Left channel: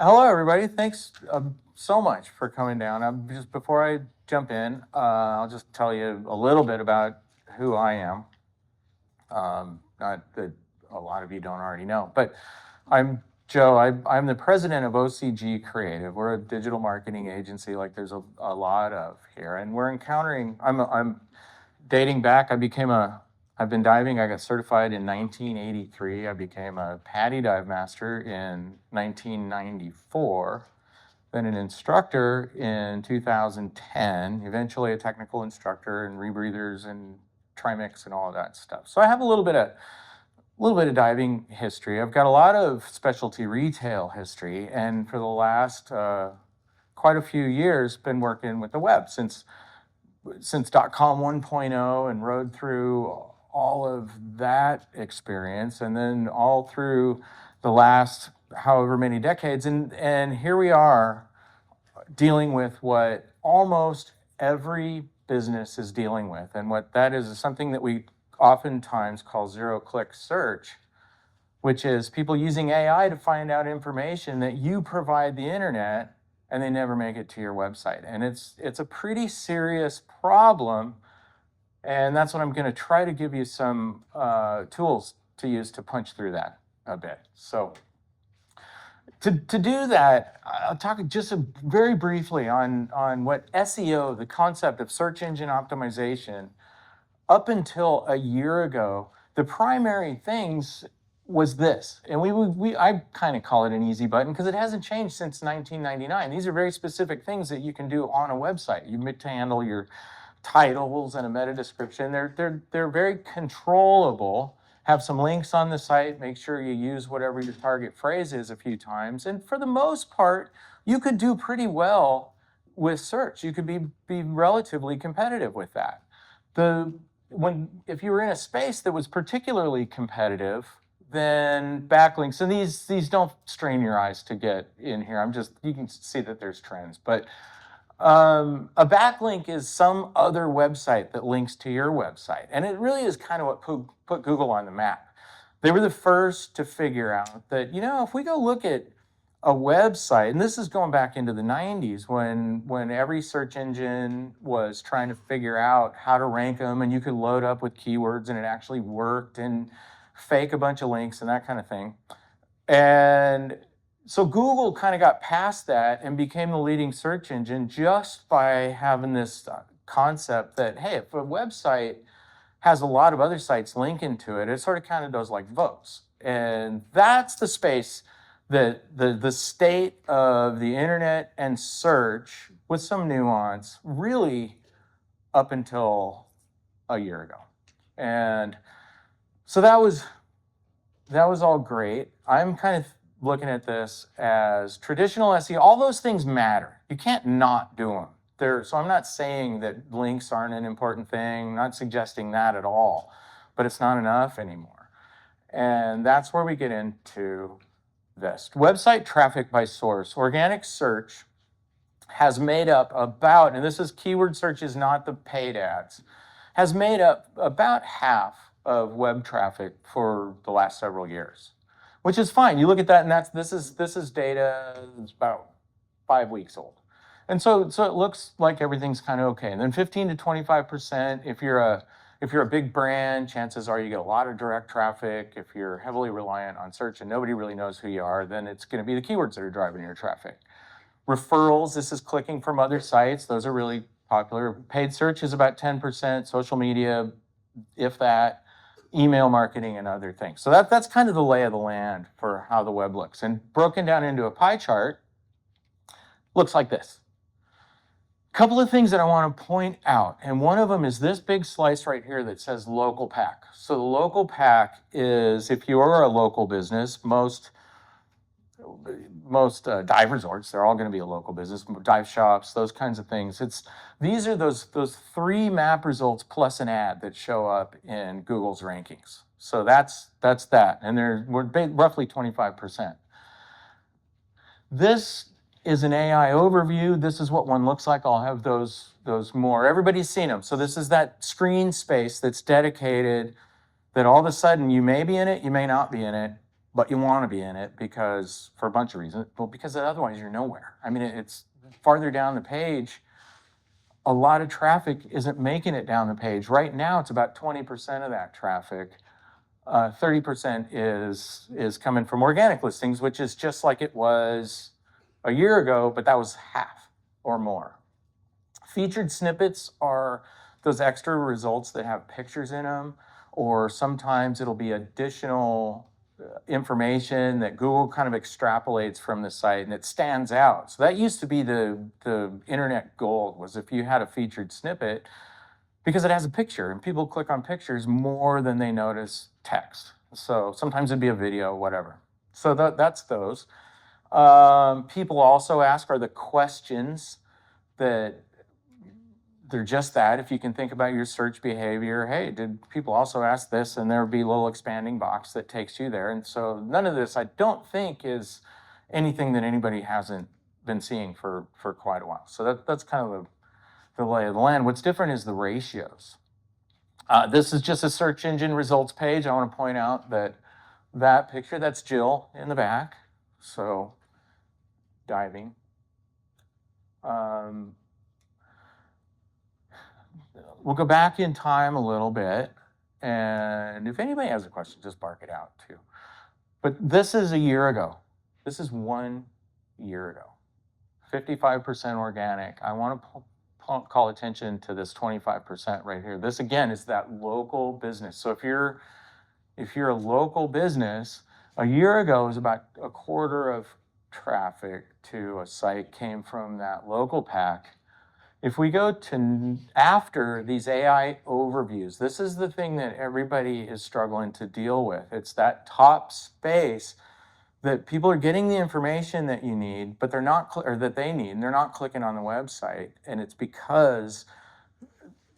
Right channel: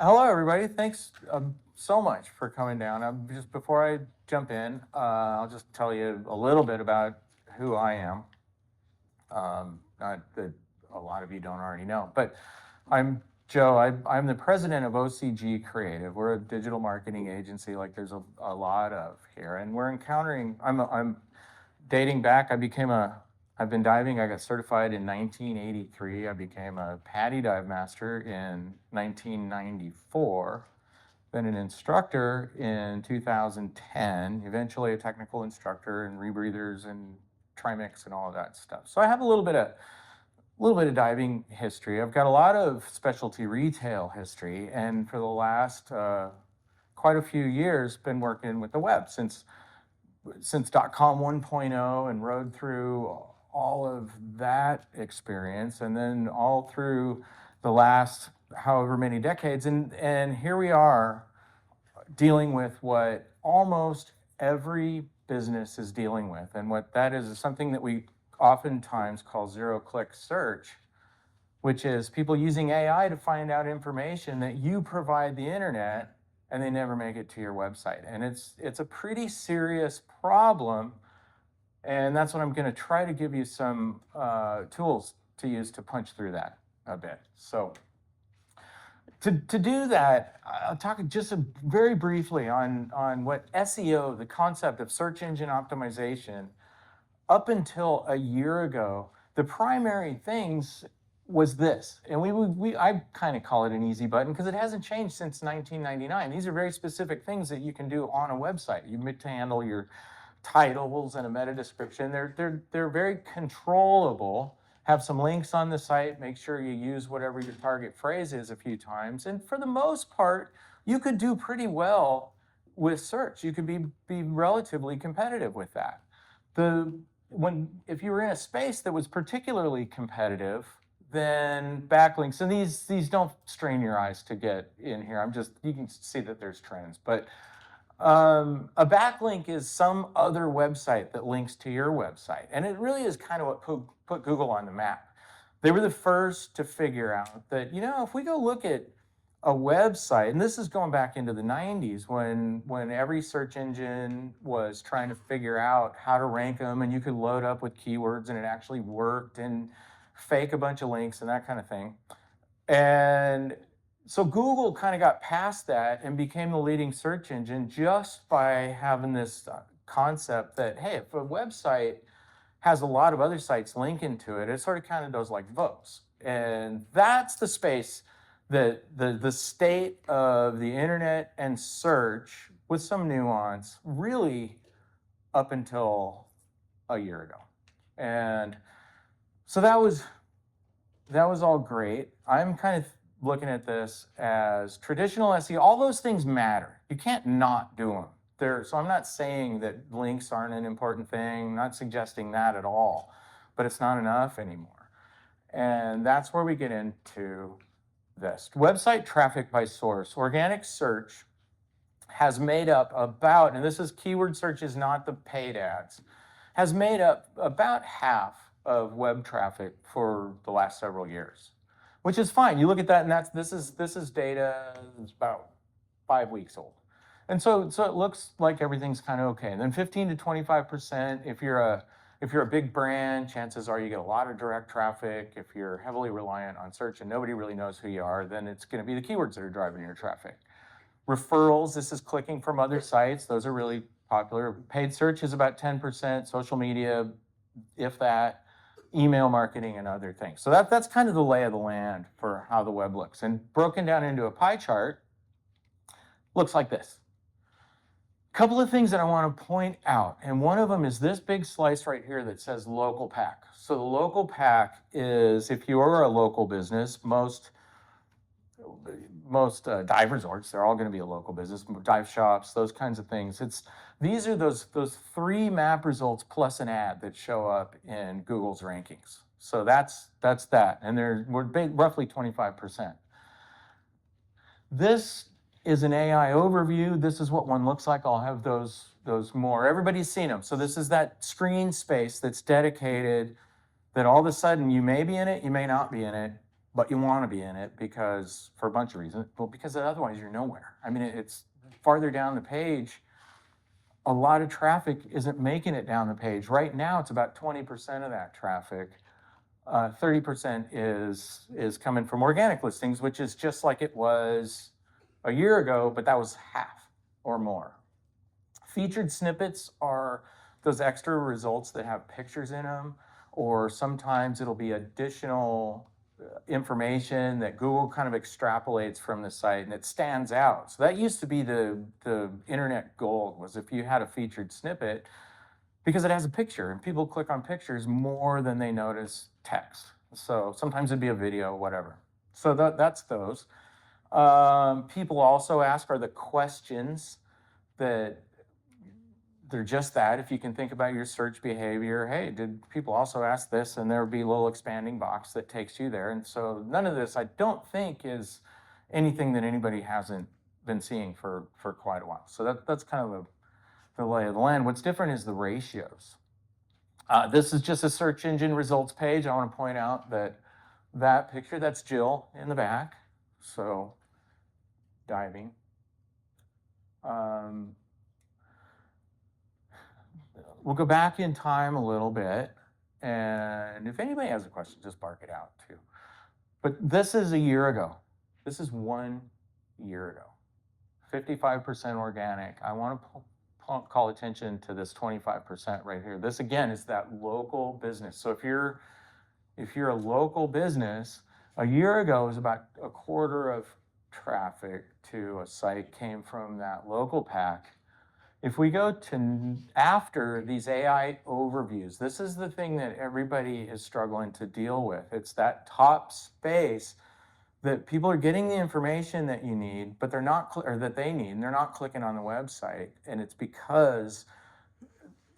Hello, everybody. Thanks so much for coming down. Just before I jump in, I'll just tell you a little bit about who I am. Not that a lot of you don't already know, but I'm Joe. I'm the president of OCG Creative. We're a digital marketing agency, like there's a lot of here, and we're encountering. I'm dating back. I've been diving. I got certified in 1983. I became a PADI dive master in 1994, been an instructor in 2010, eventually a technical instructor and rebreathers and trimix and all of that stuff. So I have a little bit of diving history. I've got a lot of specialty retail history, and for the last quite a few years, been working with the web since .com 1.0 and rode through all of that experience, and then all through the last however many decades, and here we are dealing with what almost every business is dealing with, and what that is something that we oftentimes call zero-click search, which is people using AI to find out information that you provide the internet and they never make it to your website. And it's a pretty serious problem, and that's what I'm going to try to give you some tools to use to punch through that a bit. So to do that, I'll talk just very briefly on what SEO, the concept of search engine optimization, up until a year ago, the primary things was this, and I kind of call it an easy button because it hasn't changed since 1999. These are very specific things that you can do on a website. You to handle your titles and a meta description. They're very controllable. Have some links on the site. Make sure you use whatever your target phrase is a few times, and for the most part, you could do pretty well with search. You could be relatively competitive with that. If you were in a space that was particularly competitive, then backlinks, and these don't strain your eyes to get in here. You can see that there's trends, but a backlink is some other website that links to your website, and it really is kind of what put Google on the map. They were the first to figure out that, if we go look at a website, and this is going back into the 90s when every search engine was trying to figure out how to rank them, and you could load up with keywords and it actually worked, and fake a bunch of links and that kind of thing. And so Google kind of got past that and became the leading search engine just by having this concept that, hey, if a website has a lot of other sites linking to it, it sort of kind of does like votes. And that's the space that the state of the internet and search, with some nuance, really up until a year ago. And so that was all great. I'm kind of looking at this as traditional SEO. All those things matter. You can't not do them. So I'm not saying that links aren't an important thing. I'm not suggesting that at all, but it's not enough anymore. And that's where we get into this. Website traffic by source. Organic search has made up about, and this is keyword searches, not the paid ads, has made up about half of web traffic for the last several years, which is fine. You look at that, and this is data that's about 5 weeks old, and so it looks like everything's kind of okay. And then 15 to 25%, if you're a big brand, chances are you get a lot of direct traffic. If you're heavily reliant on search and nobody really knows who you are, then it's going to be the keywords that are driving your traffic. Referrals, this is clicking from other sites. Those are really popular. Paid search is about 10%. Social media, if that. Email marketing and other things. So that's kind of the lay of the land for how the web looks. And broken down into a pie chart, looks like this. A couple of things that I want to point out, and one of them is this big slice right here that says local pack. So the local pack is, if you are a local business, most dive resorts, they're all going to be a local business, dive shops, those kinds of things. These are those 3 map results plus an ad that show up in Google's rankings. So that's that, and we're roughly 25%. This is an AI overview. This is what one looks like. I'll have those more. Everybody's seen them. So this is that screen space that's dedicated, that all of a sudden you may be in it, you may not be in it. but you want to be in it because for a bunch of reasons. Well, because otherwise you're nowhere. I mean, it's farther down the page. A lot of traffic isn't making it down the page. Right now, it's about 20% of that traffic. 30% is coming from organic listings, which is just like it was a year ago, but that was half or more. Featured snippets are those extra results that have pictures in them, or sometimes it'll be additional information that Google kind of extrapolates from the site and it stands out. So that used to be the internet gold, was if you had a featured snippet, because it has a picture and people click on pictures more than they notice text. So sometimes it'd be a video, whatever. So that's those. People also ask, are the questions that they're just that? If you can think about your search behavior, hey, did people also ask this? And there would be a little expanding box that takes you there. And so none of this, I don't think, is anything that anybody hasn't been seeing for quite a while. So that's kind of the lay of the land. What's different is the ratios. This is just a search engine results page. I want to point out that picture, that's Jill in the back. So diving. We'll go back in time a little bit. And if anybody has a question, just bark it out too. But this is a year ago. This is 1 year ago. 55% organic. I want to call attention to this 25% right here. This again is that local business. So if you're a local business, a year ago it was about a quarter of traffic to a site came from that local pack. If we go to after these AI overviews, this is the thing that everybody is struggling to deal with. It's that top space that people are getting the information that you need, but they're not, or that they need, and they're not clicking on the website. And it's because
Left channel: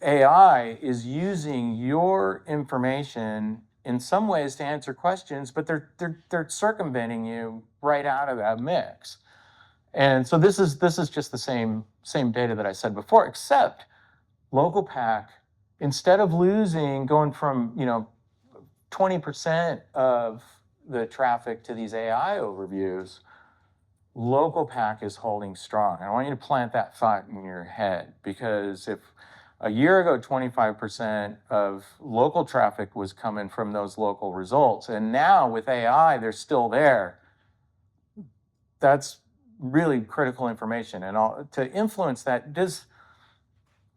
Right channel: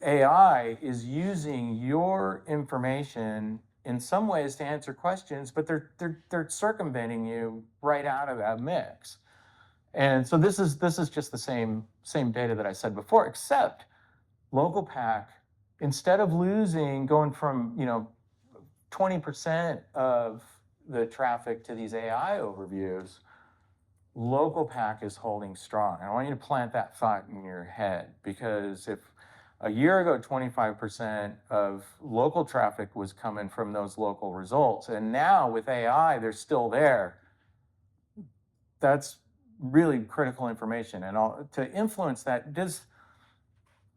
AI is using your information in some ways to answer questions, but they're circumventing you right out of that mix. And so this is just the same data that I said before, except local pack, instead of going from 20% of the traffic to these AI overviews, local pack is holding strong. And I want you to plant that thought in your head, because if a year ago 25% of local traffic was coming from those local results, and now with AI they're still there, that's really critical information. And to influence that,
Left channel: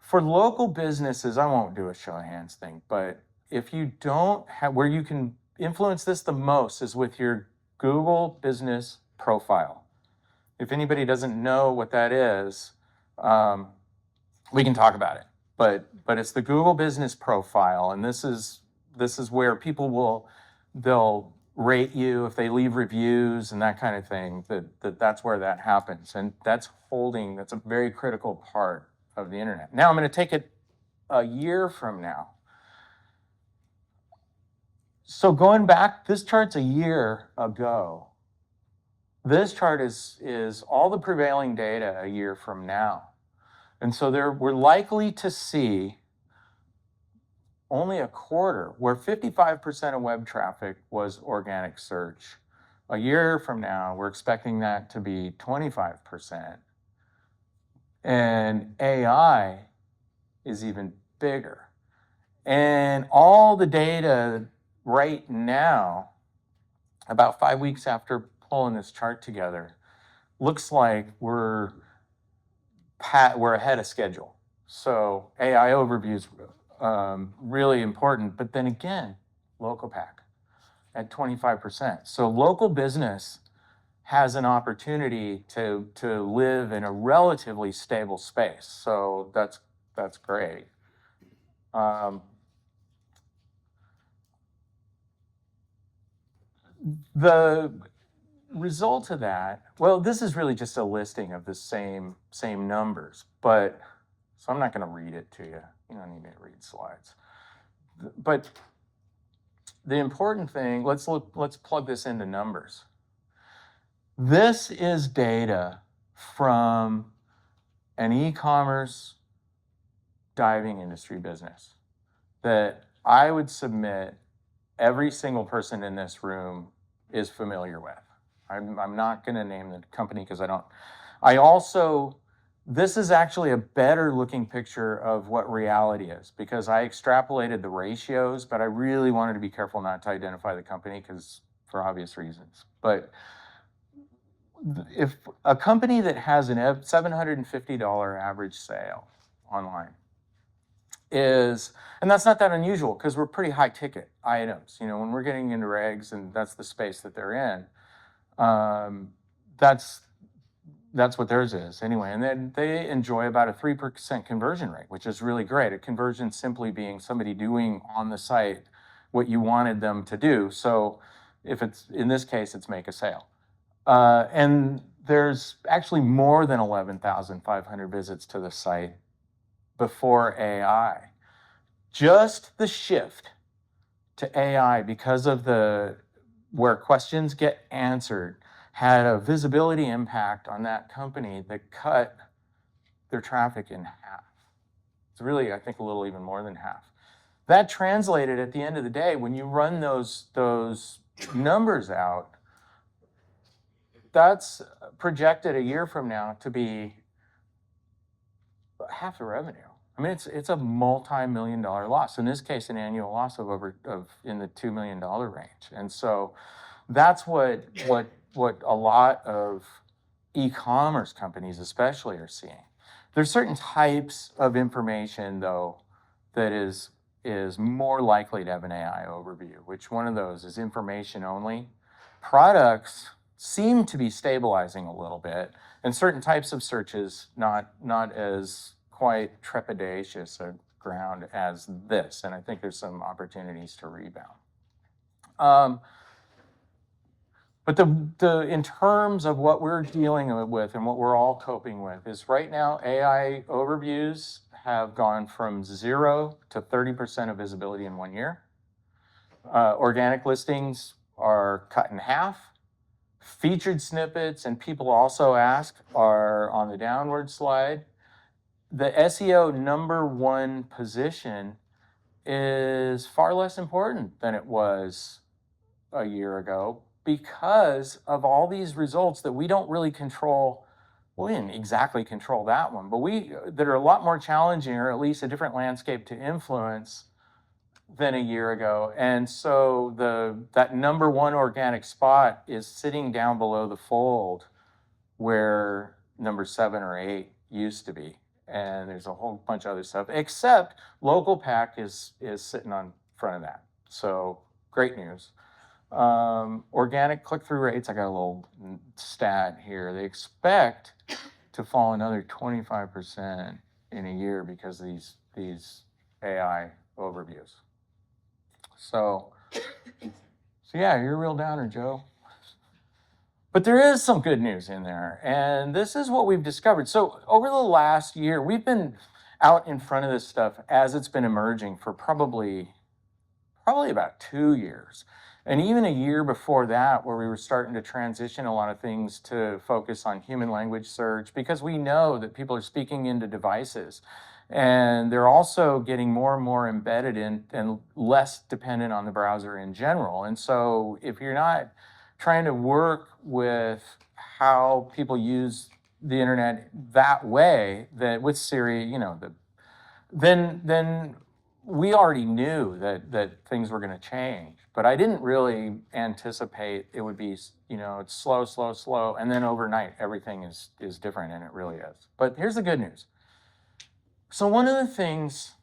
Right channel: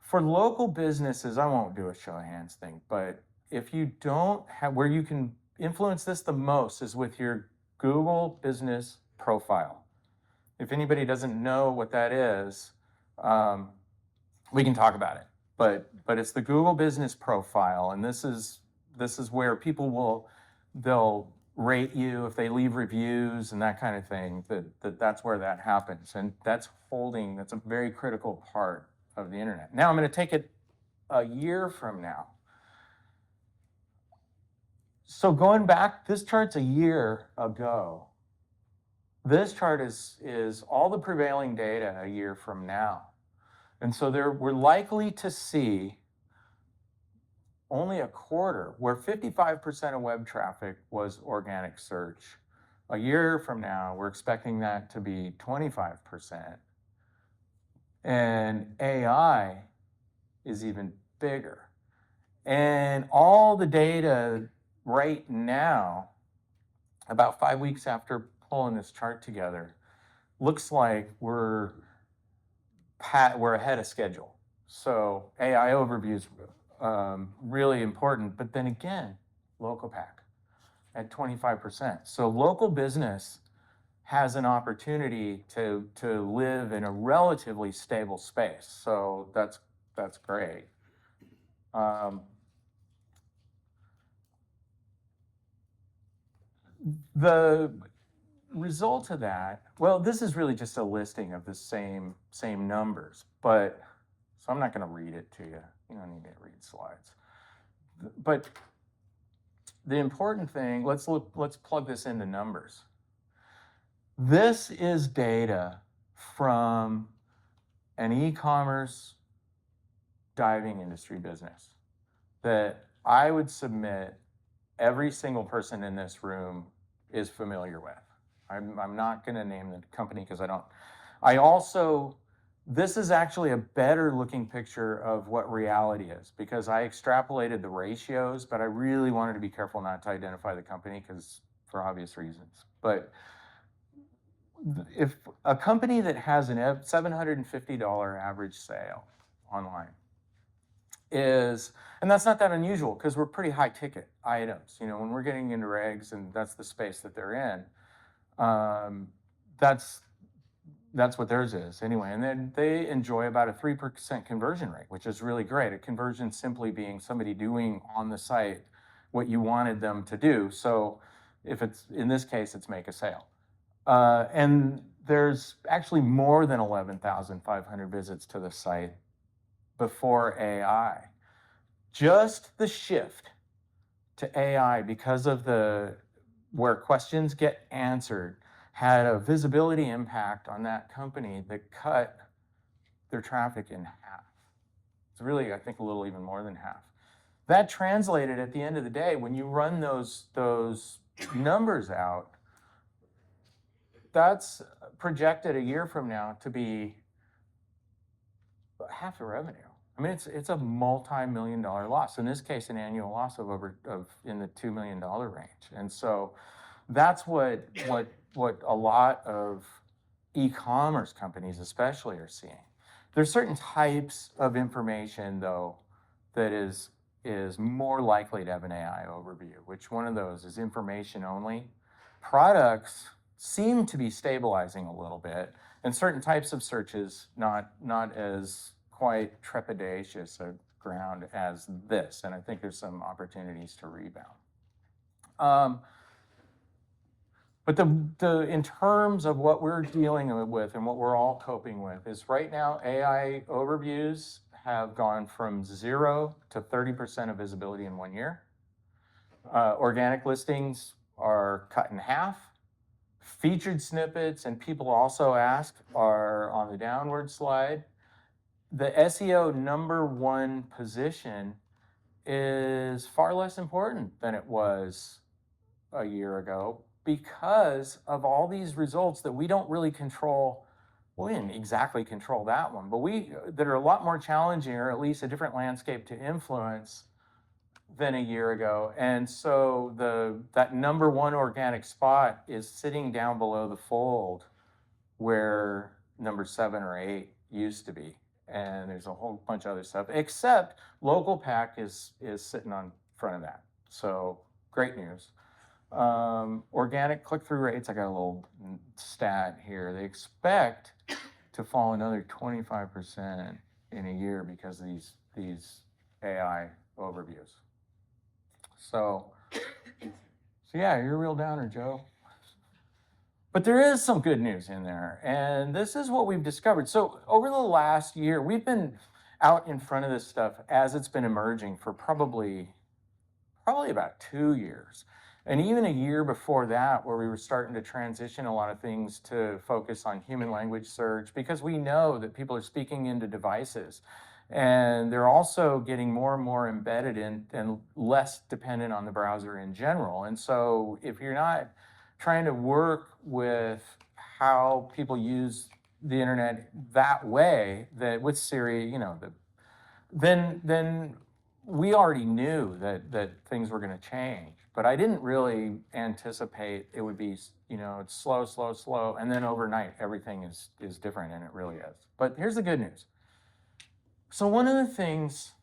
for local businesses, I won't do a show of hands thing, but if you don't have, where you can influence this the most is with your Google business profile. If anybody doesn't know what that is, we can talk about it, but it's the Google business profile. And this is where people they'll rate you if they leave reviews and that kind of thing. That's where that happens, and that's a very critical part of the internet. Now I'm going to take it a year from now. So going back, this chart's a year ago. This chart is all the prevailing data a year from now. And so we're likely to see only a quarter, where 55% of web traffic was organic search. A year from now, we're expecting that to be 25%. And AI is even bigger. And all the data right now, about 5 weeks after pulling this chart together, looks like we're ahead of schedule. So AI overviews, really important. But then again, local pack at 25%. So local business has an opportunity to live in a relatively stable space. So that's great. The result of that, well, this is really just a listing of the same numbers, but so I'm not going to read it to you. You don't need me to read slides. But the important thing, let's plug this into numbers. This is data from an e-commerce diving industry business that I would submit every single person in this room is familiar with. I'm not going to name the company because I don't. I also, this is actually a better looking picture of what reality is because I extrapolated the ratios, but I really wanted to be careful not to identify the company because for obvious reasons. But if a company that has an $750 average sale online is, and that's not that unusual because we're pretty high ticket items, you know, when we're getting into regs and that's the space that they're in, that's what theirs is anyway. And then they enjoy about a 3% conversion rate, which is really great. A conversion simply being somebody doing on the site what you wanted them to do. So if it's, in this case, it's make a sale. And there's actually more than 11,500 visits to the site before AI. Just the shift to AI because of where questions get answered had a visibility impact on that company that cut their traffic in half. It's really, I think, a little even more than half. That translated at the end of the day, when you run those numbers out, that's projected a year from now to be half the revenue. I mean, it's a multi-million-dollar loss. In this case, an annual loss of in the $2 million range. And so that's what a lot of e-commerce companies especially are seeing. There's certain types of information though that is more likely to have an AI overview. Which one of those is information only? Products seem to be stabilizing a little bit, and certain types of searches not as quite trepidatious a ground as this, and I think there's some opportunities to rebound. But in terms of what we're dealing with and what we're all coping with is right now AI overviews have gone from 0 to 30% of visibility in 1 year. Organic listings are cut in half. Featured snippets, and people also ask, are on the downward slide. The SEO #1 position is far less important than it was a year ago because of all these results that we don't really control. Well, we didn't exactly control that one, but that are a lot more challenging, or at least a different landscape to influence than a year ago. And so that #1 organic spot is sitting down below the fold where number 7 or 8 used to be. And there's a whole bunch of other stuff, except local pack is sitting on front of that. So great news. Organic click-through rates, I got a little stat here. They expect to fall another 25% in a year because of these AI overviews. So yeah, you're a real downer, Joe. But there is some good news in there, and this is what we've discovered. So over the last year, we've been out in front of this stuff as it's been emerging for probably about 2 years. And even a year before that, where we were starting to transition a lot of things to focus on human language search, because we know that people are speaking into devices. And they're also getting more and more embedded in and less dependent on the browser in general. And so if you're not trying to work with how people use the internet that way, that with Siri, you know, then we already knew that things were going to change. But I didn't really anticipate it would be, you know, it's slow, and then overnight everything is different, and it really is. But here's the good news. So one of the things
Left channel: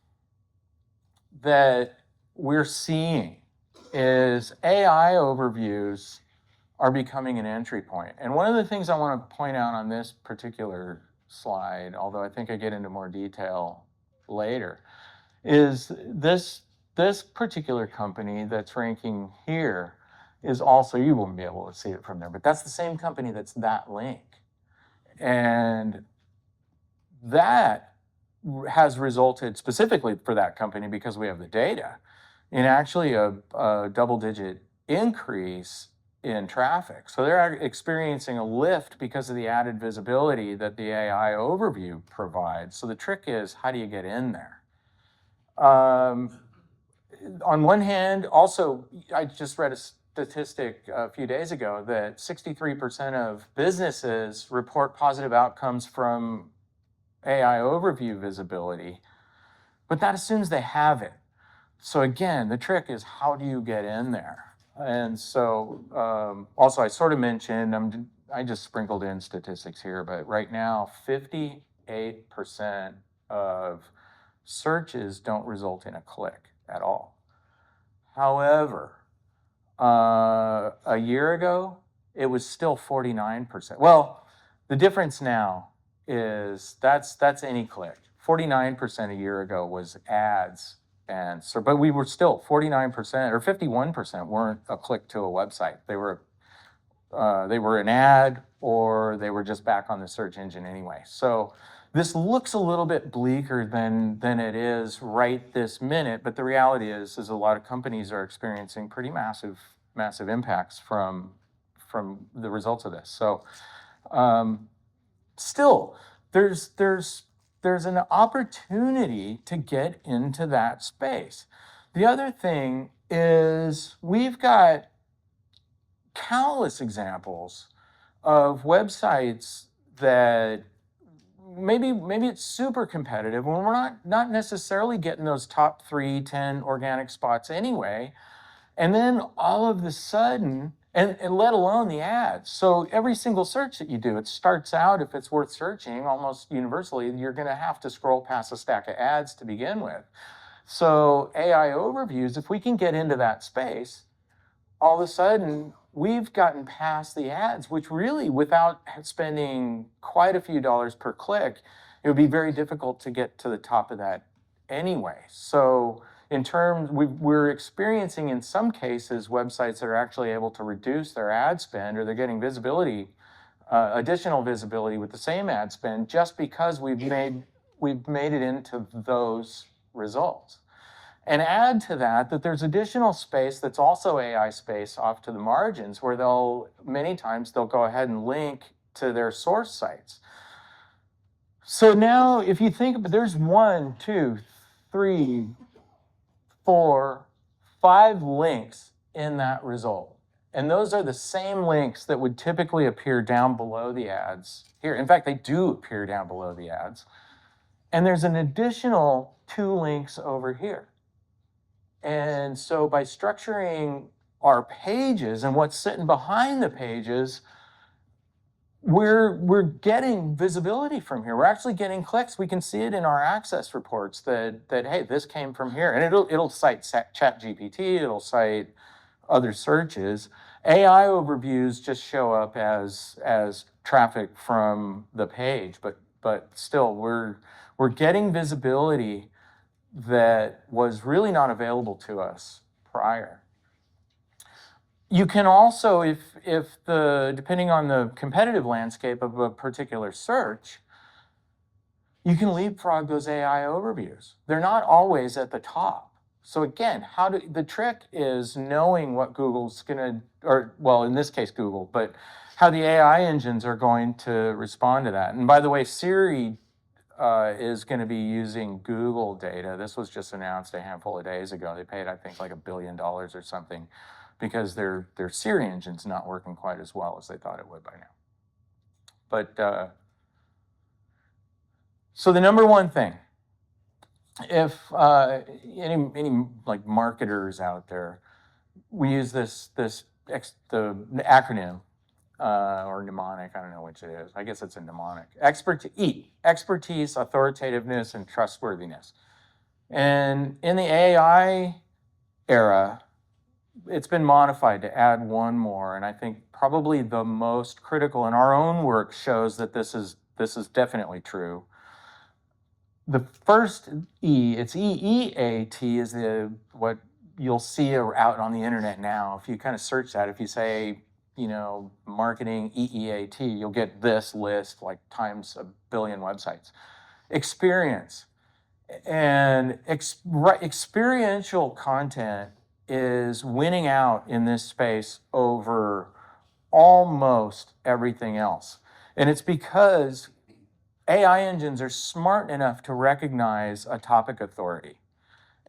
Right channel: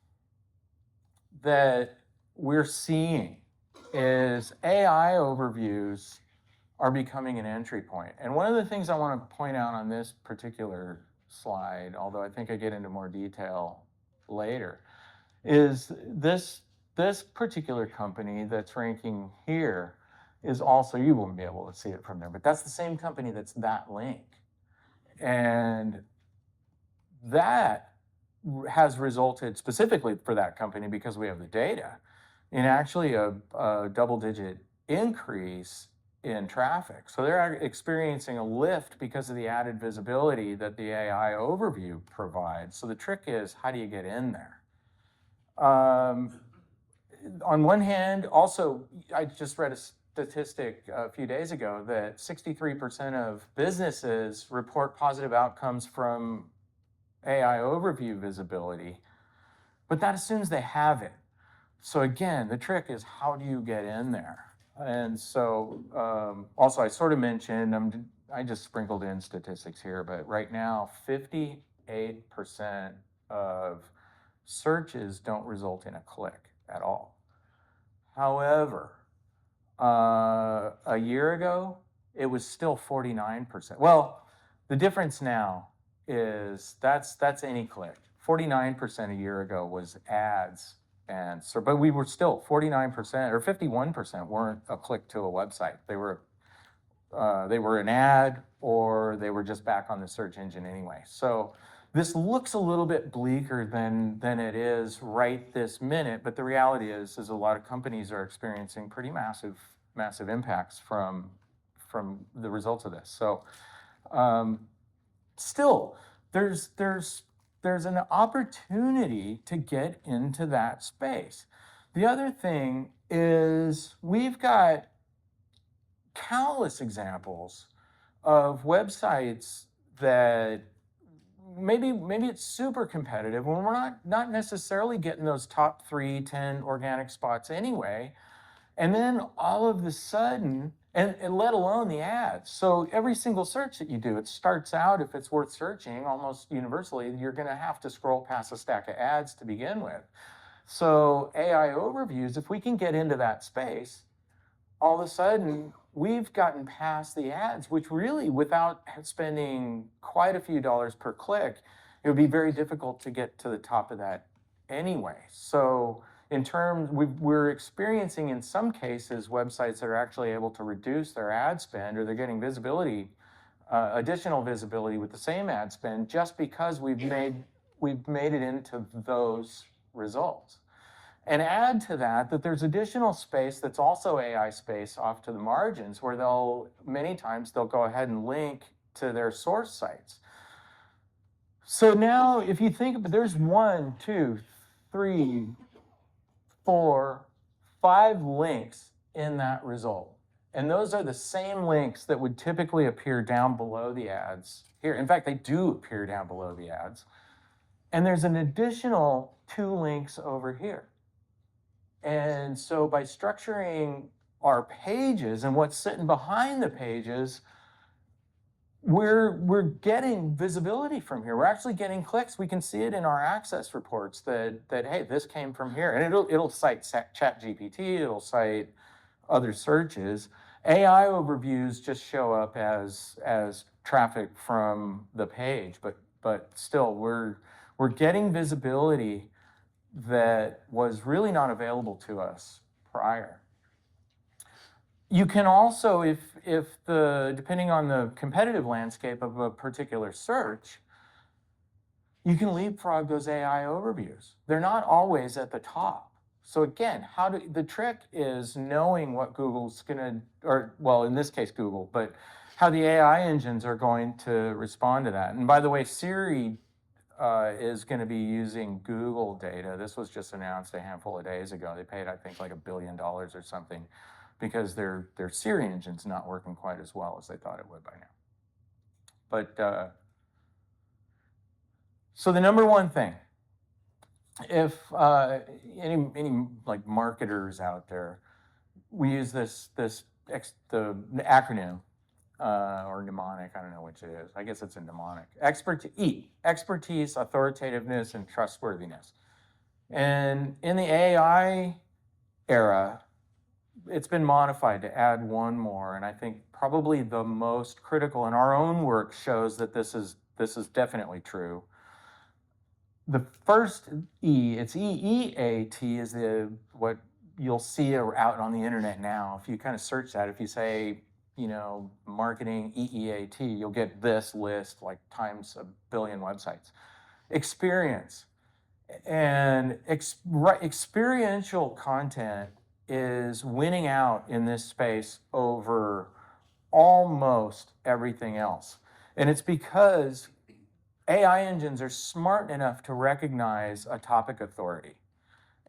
that we're seeing is AI overviews are becoming an entry point. And one of the things I want to point out on this particular slide, although I think I get into more detail later, is this particular company that's ranking here is also, you won't be able to see it from there, but that's the same company that's that link. And that has resulted specifically for that company, because we have the data, in actually a double-digit increase in traffic. So they're experiencing a lift because of the added visibility that the AI overview provides. So the trick is, how do you get in there? On one hand, also, I just read statistic a few days ago that 63% of businesses report positive outcomes from AI overview visibility, but that assumes they have it. So again, the trick is how do you get in there? And so also I sort of mentioned, I just sprinkled in statistics here, but right now 58% of searches don't result in a click at all. However, a year ago, it was still 49%. Well, the difference now is that's any click. 49% a year ago was ads, and so, but we were still 49% or 51% weren't a click to a website. They were an ad, or they were just back on the search engine anyway. So this looks a little bit bleaker than it is right this minute, but the reality is a lot of companies are experiencing pretty massive impacts from the results of this. So still, there's an opportunity to get into that space. The other thing is we've got countless examples of websites that maybe it's super competitive when we're not necessarily getting those top 3, 10 organic spots anyway. And then all of a sudden, and let alone the ads. So every single search that you do, it starts out, if it's worth searching, almost universally, you're gonna have to scroll past a stack of ads to begin with. So AI overviews, if we can get into that space, all of a sudden, we've gotten past the ads, which really, without spending quite a few dollars per click, it would be very difficult to get to the top of that anyway. So in terms, we're experiencing in some cases websites that are actually able to reduce their ad spend, or they're getting visibility, additional visibility with the same ad spend, just because we've made it into those results. And add to that there's additional space that's also AI space off to the margins, where many times they'll go ahead and link to their source sites. So now if you think, there's 1, 2, 3, 4, 5 links in that result. And those are the same links that would typically appear down below the ads here. In fact, they do appear down below the ads. And there's an additional 2 links over here. And so by structuring our pages and what's sitting behind the pages, we're getting visibility from here. We're actually getting clicks. We can see it in our access reports that hey, this came from here. And it'll cite ChatGPT, it'll cite other searches. AI overviews just show up as traffic from the page, but still we're getting visibility that was really not available to us prior. You can also, depending on the competitive landscape of a particular search, you can leapfrog those AI overviews. They're not always at the top. So again, the trick is knowing what Google's gonna, or well, in this case Google, but how the AI engines are going to respond to that. And by the way, Siri is going to be using Google data. This was just announced a handful of days ago. They paid, I think, like $1 billion or something, because their Siri engine's not working quite as well as they thought it would by now. But so the number one thing, if any like marketers out there, we use the acronym. Or mnemonic, I don't know which it is. I guess it's a mnemonic. Expertise, authoritativeness, and trustworthiness. And in the AI era, it's been modified to add one more, and I think probably the most critical, and our own work shows that this is definitely true. The first E, it's EEAT, is what you'll see out on the internet now. If you kind of search that, if you say, marketing EEAT, you'll get this list like times 1 billion websites. Experience. And experiential content is winning out in this space over almost everything else. And it's because AI engines are smart enough to recognize a topic authority.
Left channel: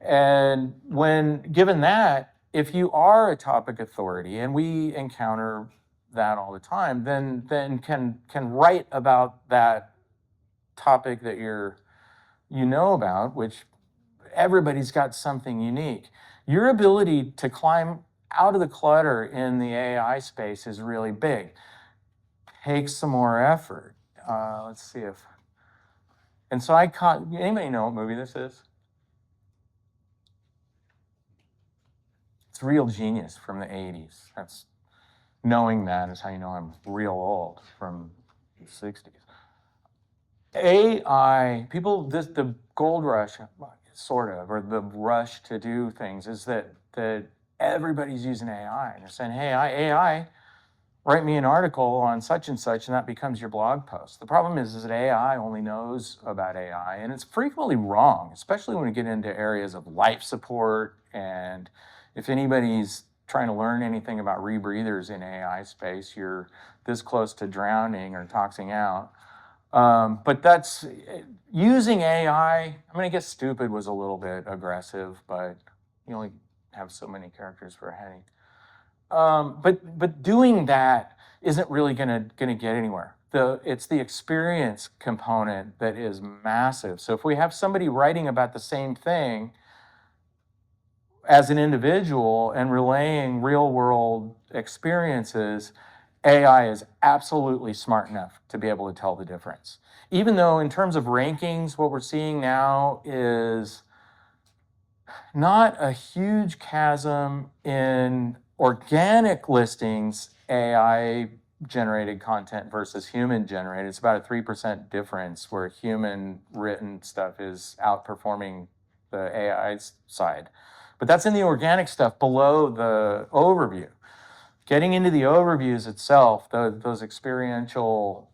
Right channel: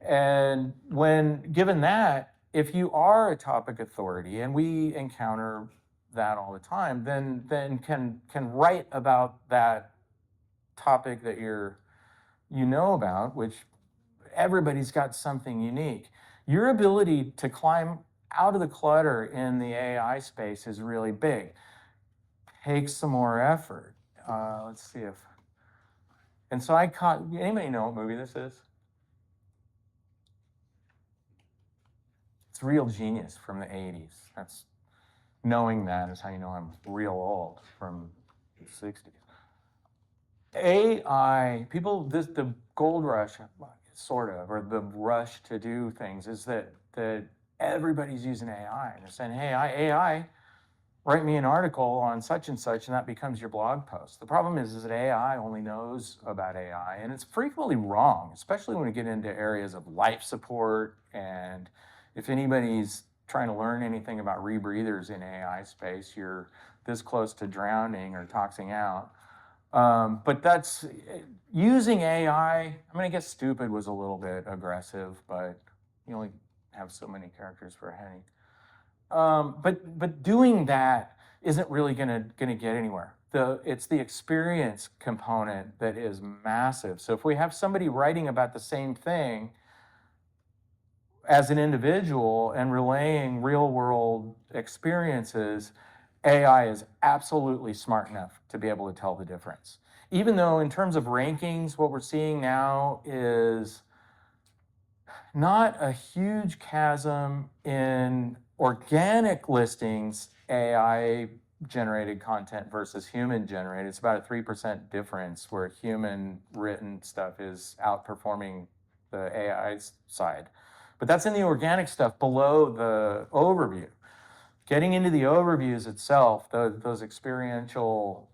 And when given that, if you are a topic authority, and we encounter that all the time, then can write about that topic that you know about, which everybody's got something unique. Your ability to climb out of the clutter in the AI space is really big. Takes some more effort. Let's see if, and so I caught, anybody know what movie this is? It's Real Genius from the 80s. That's, knowing that is how you know I'm real old, from the 60s. AI, people, the gold rush, sort of, or the rush to do things is that everybody's using AI. And they're saying, hey, AI, write me an article on such and such, and that becomes your blog post. The problem is that AI only knows about AI, and it's frequently wrong, especially when we get into areas of life support. And if anybody's trying to learn anything about rebreathers in AI space, you're this close to drowning or toxing out. But that's, using AI, I'm going to guess stupid was a little bit aggressive, but you only have so many characters for a heading. But doing that isn't really gonna get anywhere. It's the experience component that is massive. So if we have somebody writing about the same thing as an individual and relaying real world experiences, AI is absolutely smart enough to be able to tell the difference. Even though in terms of rankings, what we're seeing now is not a huge chasm in organic listings, AI generated content versus human generated. It's about a 3% difference where human written stuff is outperforming the AI side. But that's in the organic stuff below the overview. Getting into the overviews itself, those experiential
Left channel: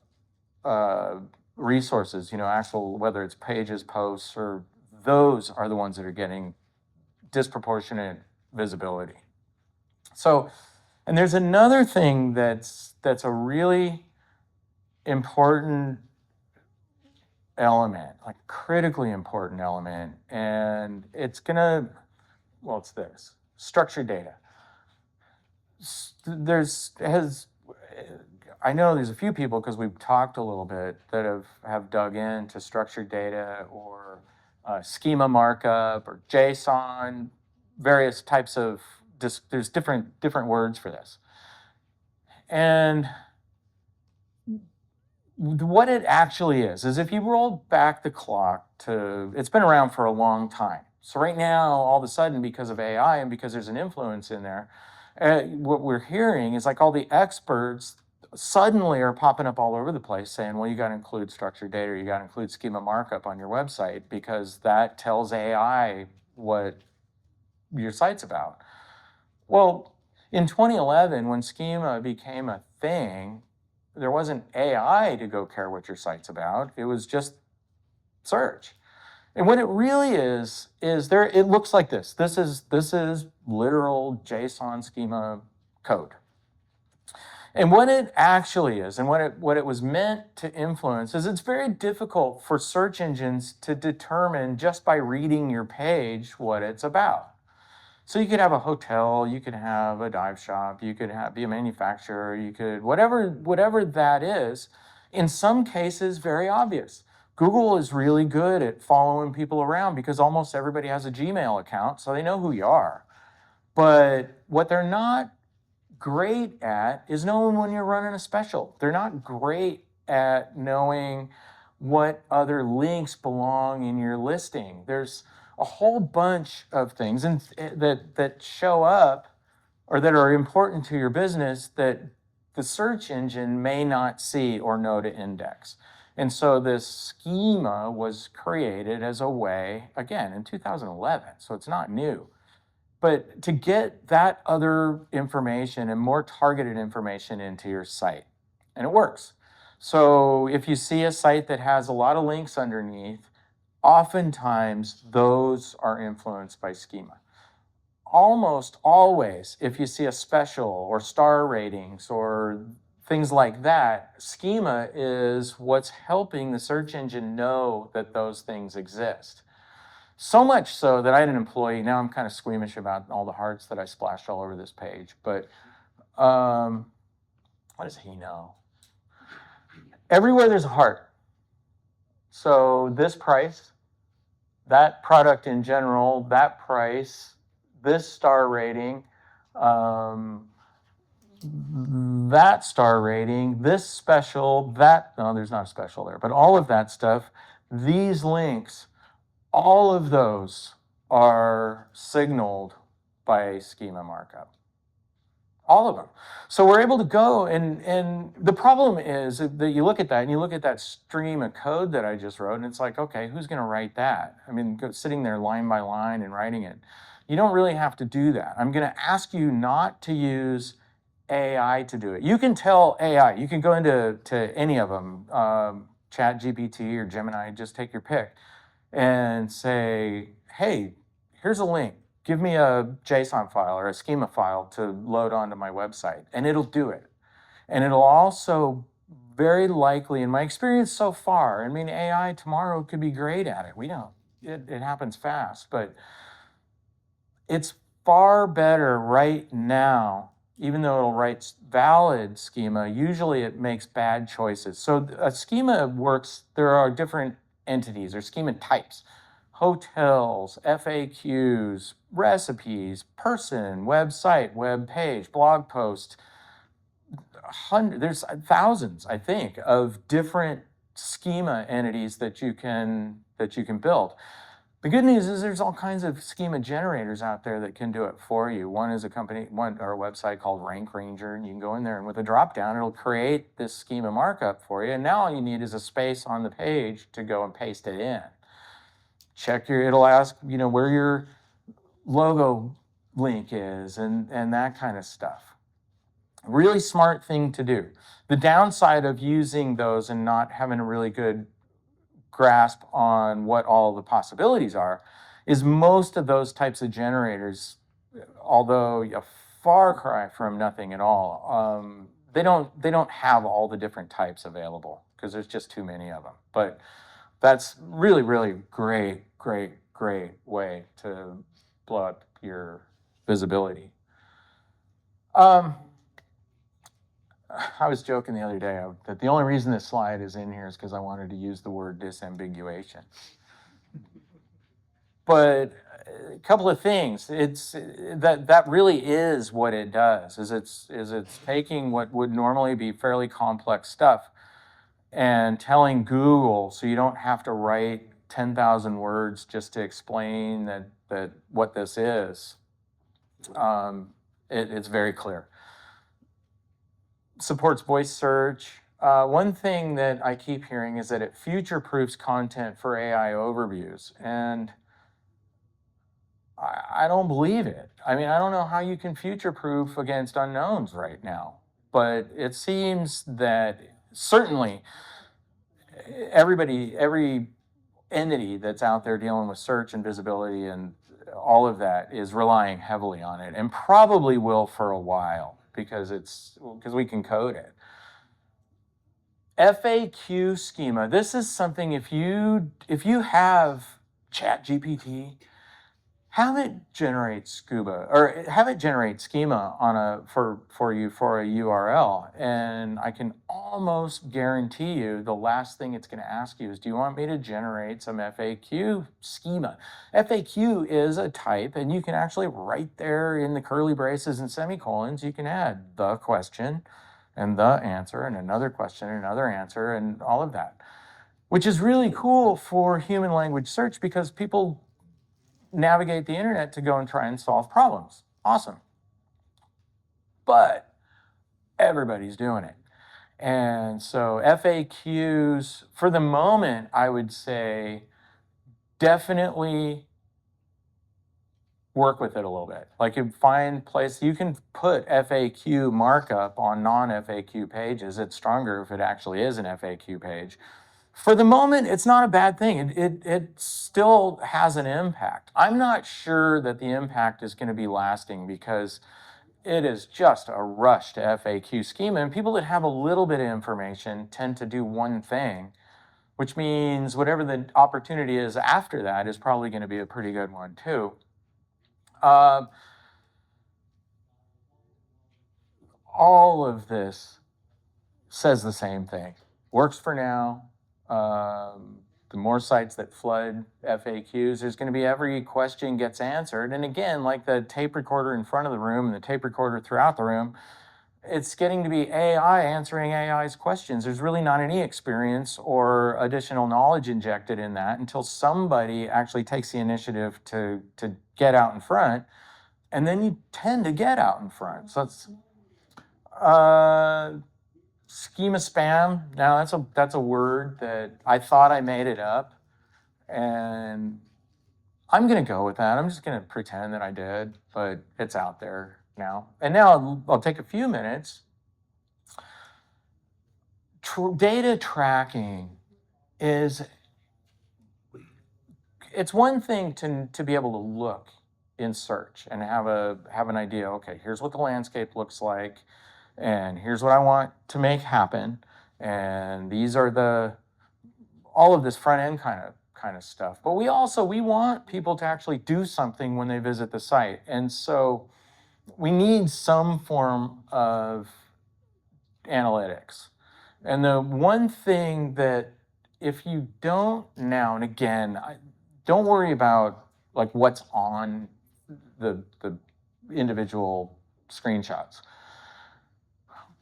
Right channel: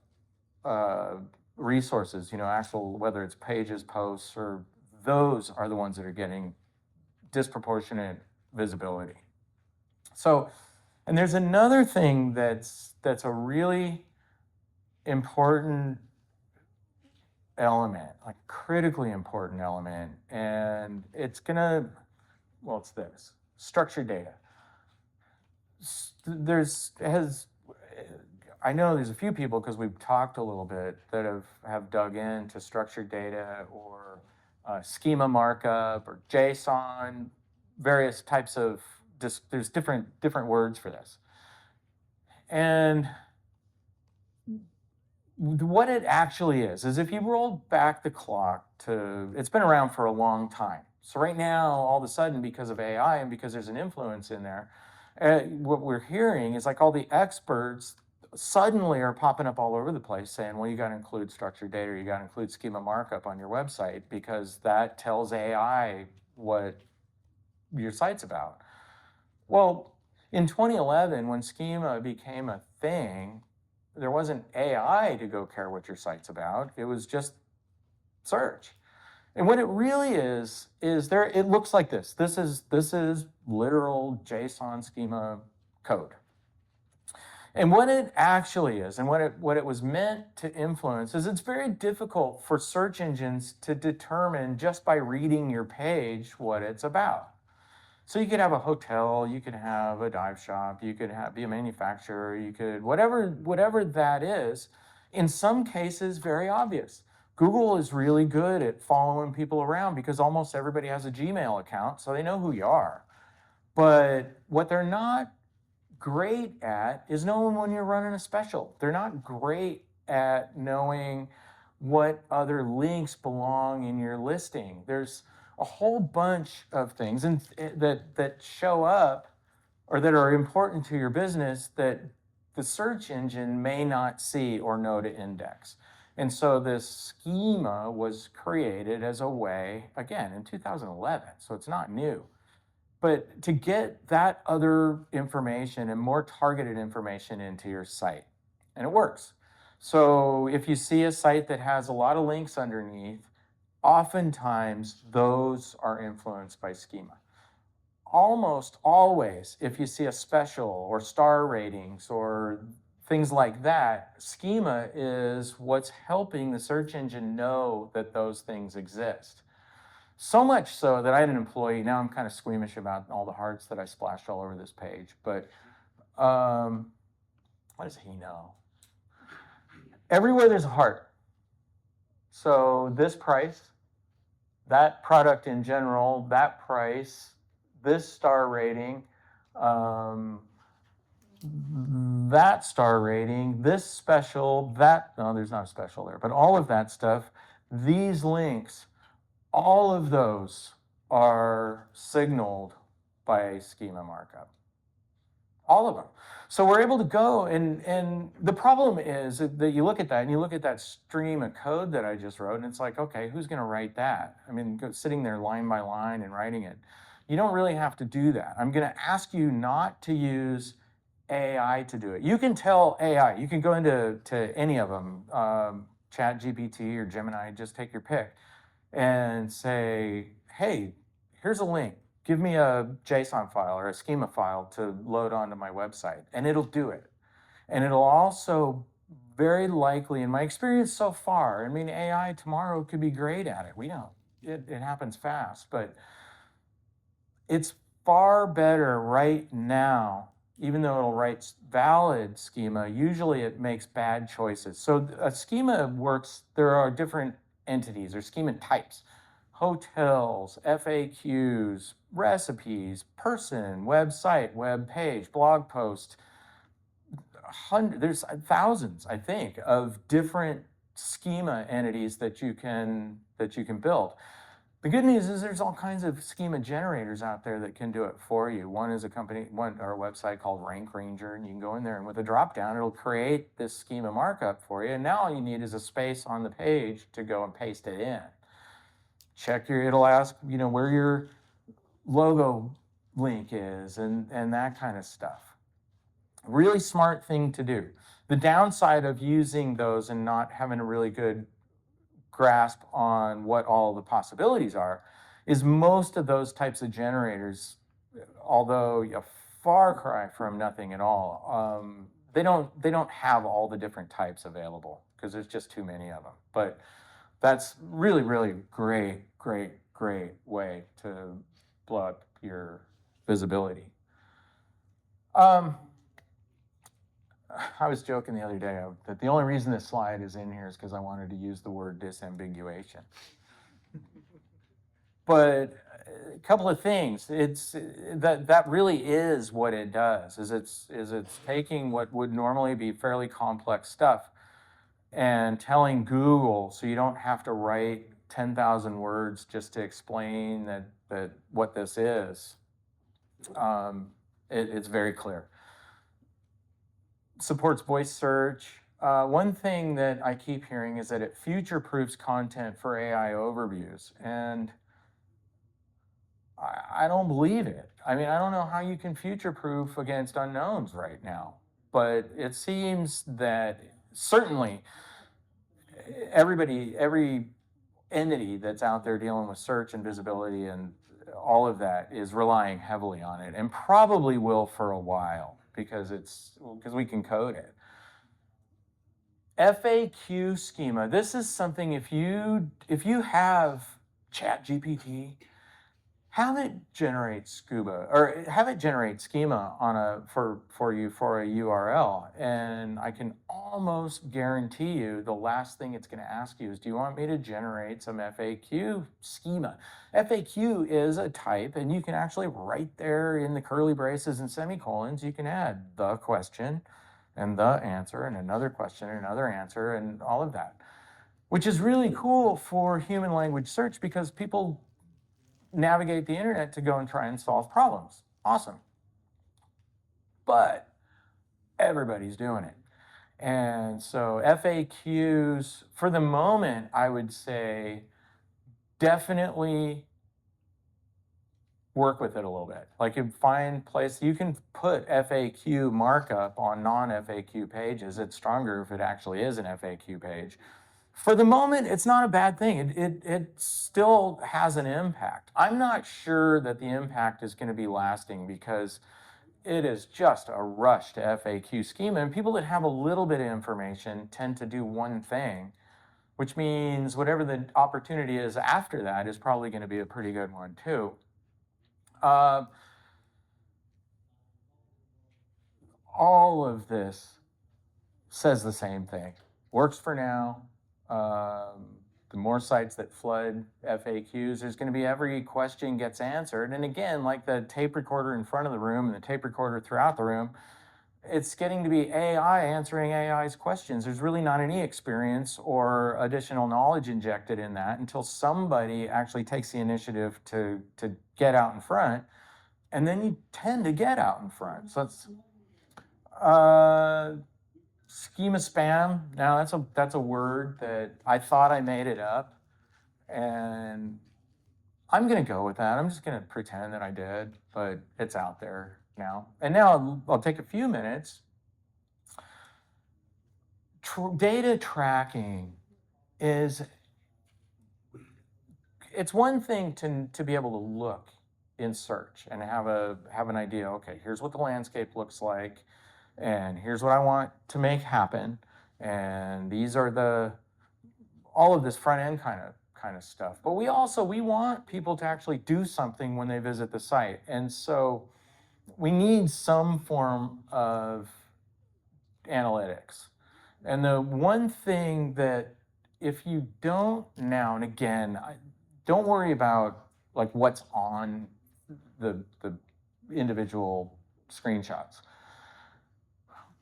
resources, actual, whether it's pages, posts, or those are the ones that are getting disproportionate visibility. So, and there's another thing that's a really important element, like critically important element, and it's this, structured data. I know there's a few people, because we've talked a little bit, that have dug into structured data or schema markup or JSON, various types of, there's different words for this. And what it actually is if you roll back the clock to, it's been around for a long time. So right now, all of a sudden, because of AI and because there's an influence in there, what we're hearing is like all the experts suddenly are popping up all over the place saying, well, you got to include structured data, or you got to include schema markup on your website, because that tells AI what your site's about. Well, in 2011, when schema became a thing, there wasn't AI to go care what your site's about. It was just search. And what it really is it looks like this. This is literal JSON schema code. And what it actually is, and what it was meant to influence, is it's very difficult for search engines to determine just by reading your page what it's about. So you could have a hotel, you could have a dive shop, you could be a manufacturer, you could, whatever that is, in some cases, very obvious. Google is really good at following people around because almost everybody has a Gmail account, so they know who you are. But what they're not great at is knowing when you're running a special. They're not great at knowing what other links belong in your listing. There's a whole bunch of things that show up or that are important to your business that the search engine may not see or know to index. And so this schema was created as a way, again, in 2011, so it's not new, but to get that other information and more targeted information into your site. And it works. So if you see a site that has a lot of links underneath, oftentimes those are influenced by schema. Almost always, if you see a special or star ratings or things like that, schema is what's helping the search engine know that those things exist. So much so that I had an employee, now I'm kind of squeamish about all the hearts that I splashed all over this page, but what does he know? Everywhere there's a heart. So this price, that product in general, that price, this star rating, that star rating, this special, that, no, there's not a special there, but all of that stuff, these links, all of those are signaled by schema markup. All of them. So we're able to go, and the problem is that you look at that and you look at that stream of code that I just wrote, and it's like, okay, who's going to write that? I mean, sitting there line by line and writing it. You don't really have to do that. I'm going to ask you not to use AI to do it. You can tell AI, you can go into any of them, Chat GPT or Gemini, just take your pick, and say, hey, here's a link. Give me a JSON file or a schema file to load onto my website, and it'll do it. And it'll also very likely, in my experience so far, I mean, AI tomorrow could be great at it. We know it happens fast, but it's far better right now, even though it'll write valid schema, usually it makes bad choices. So a schema works, there are different entities or schema types. Hotels, FAQs, recipes, person, website, web page, blog post. There's thousands, I think, of different schema entities that you can build. The good news is there's all kinds of schema generators out there that can do it for you. One is a company, or a website called Rank Ranger, and you can go in there and with a drop down, it'll create this schema markup for you. And now all you need is a space on the page to go and paste it in. Check it'll ask, where your logo link is and that kind of stuff. Really smart thing to do. The downside of using those and not having a really good grasp on what all the possibilities are is most of those types of generators, although a far cry from nothing at all, they don't have all the different types available because there's just too many of them. But that's really, really great way to blow up your visibility. I was joking the other day that the only reason this slide is in here is because I wanted to use the word disambiguation. But a couple of things. It's that really is what it does. It's taking what would normally be fairly complex stuff and telling Google, so you don't have to write 10,000 words just to explain that what this is. It's very clear. Supports voice search. One thing that I keep hearing is that it future-proofs content for AI overviews, and I don't believe it. I mean, I don't know how you can future-proof against unknowns right now, but it seems that certainly every entity that's out there dealing with search and visibility and all of that is relying heavily on it, and probably will for a while because we can code it. FAQ schema. This is something if you have ChatGPT, have it generate schema on for you for a URL, and I can almost guarantee you the last thing it's going to ask you is, do you want me to generate some FAQ schema? FAQ is a type, and you can actually right there in the curly braces and semicolons, you can add the question and the answer and another question and another answer and all of that, which is really cool for human language search because people navigate the internet to go and try and solve problems. Awesome. But everybody's doing it. And so FAQs, for the moment, I would say definitely work with it a little bit. Like you find place, you can put FAQ markup on non-FAQ pages. It's stronger if it actually is an FAQ page. For the moment, it's not a bad thing. It still has an impact. I'm not sure that the impact is going to be lasting because it is just a rush to FAQ schema. And people that have a little bit of information tend to do one thing which means whatever the opportunity is after that is probably going to be a pretty good one too. All of this says the same thing. Works for now. The more sites that flood FAQs, there's going to be every question gets answered. And again, like the tape recorder in front of the room and the tape recorder throughout the room, it's getting to be AI answering AI's questions. There's really not any experience or additional knowledge injected in that until somebody actually takes the initiative to get out in front. And then you tend to get out in front. So it's schema spam. Now that's a word that I thought I made it up, and I'm gonna go with that. I'm just gonna pretend that I did, but it's out there now. And now I'll take a few minutes. Data tracking is, it's one thing to be able to look in search and have an idea, okay, here's what the landscape looks like, and here's what I want to make happen, and these are all of this front end kind of stuff. But we want people to actually do something when they visit the site, and so we need some form of analytics. And the one thing that, if you don't now, and again, don't worry about like what's on the individual screenshots.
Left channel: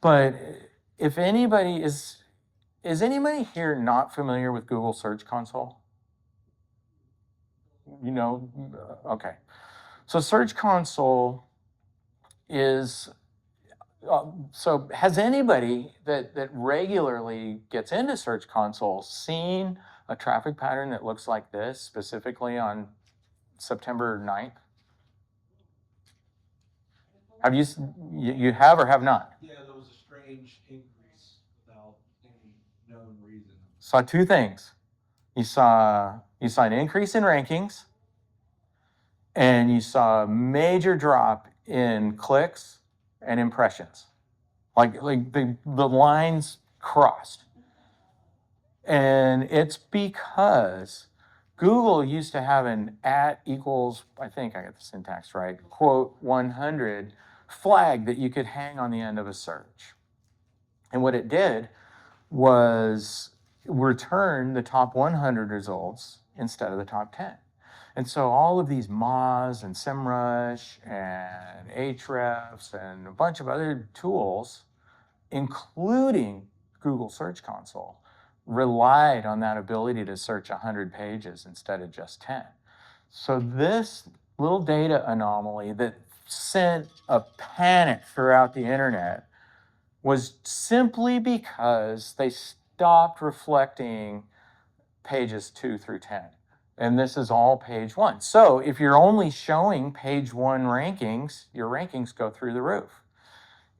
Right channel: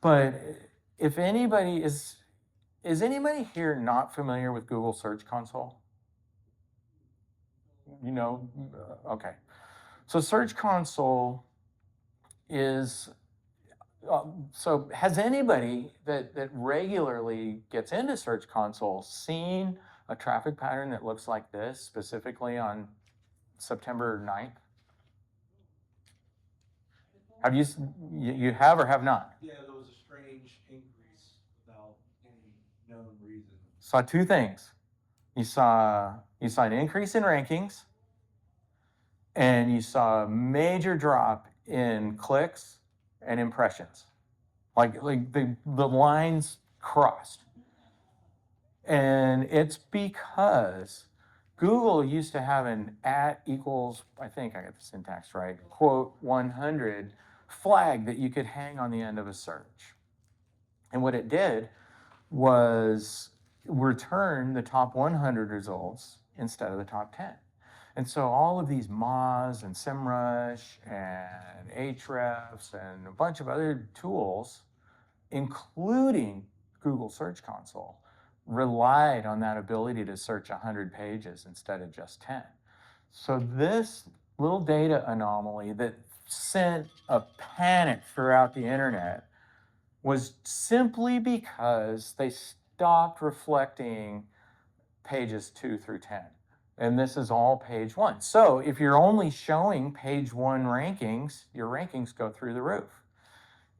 But if anybody is anybody here not familiar with Google Search Console? You know, okay. So Search Console is, so has anybody that regularly gets into Search Console seen a traffic pattern that looks like this, specifically on September 9th? Have you have or have not? Yeah, there was a strange increase without any known reason. Saw two things. You saw an increase in rankings, and you saw a major drop in clicks and impressions. Like the lines crossed. And it's because Google used to have an @ equals, I think I got the syntax right, quote 100 flag that you could hang on the end of a search. And what it did was return the top 100 results instead of the top 10. And so all of these Moz and SEMrush and Ahrefs and a bunch of other tools, including Google Search Console, relied on that ability to search 100 pages instead of just 10. So this little data anomaly that sent a panic throughout the internet was simply because they stopped reflecting pages 2 through 10. And this is all page 1. So if you're only showing page 1 rankings, your rankings go through the roof.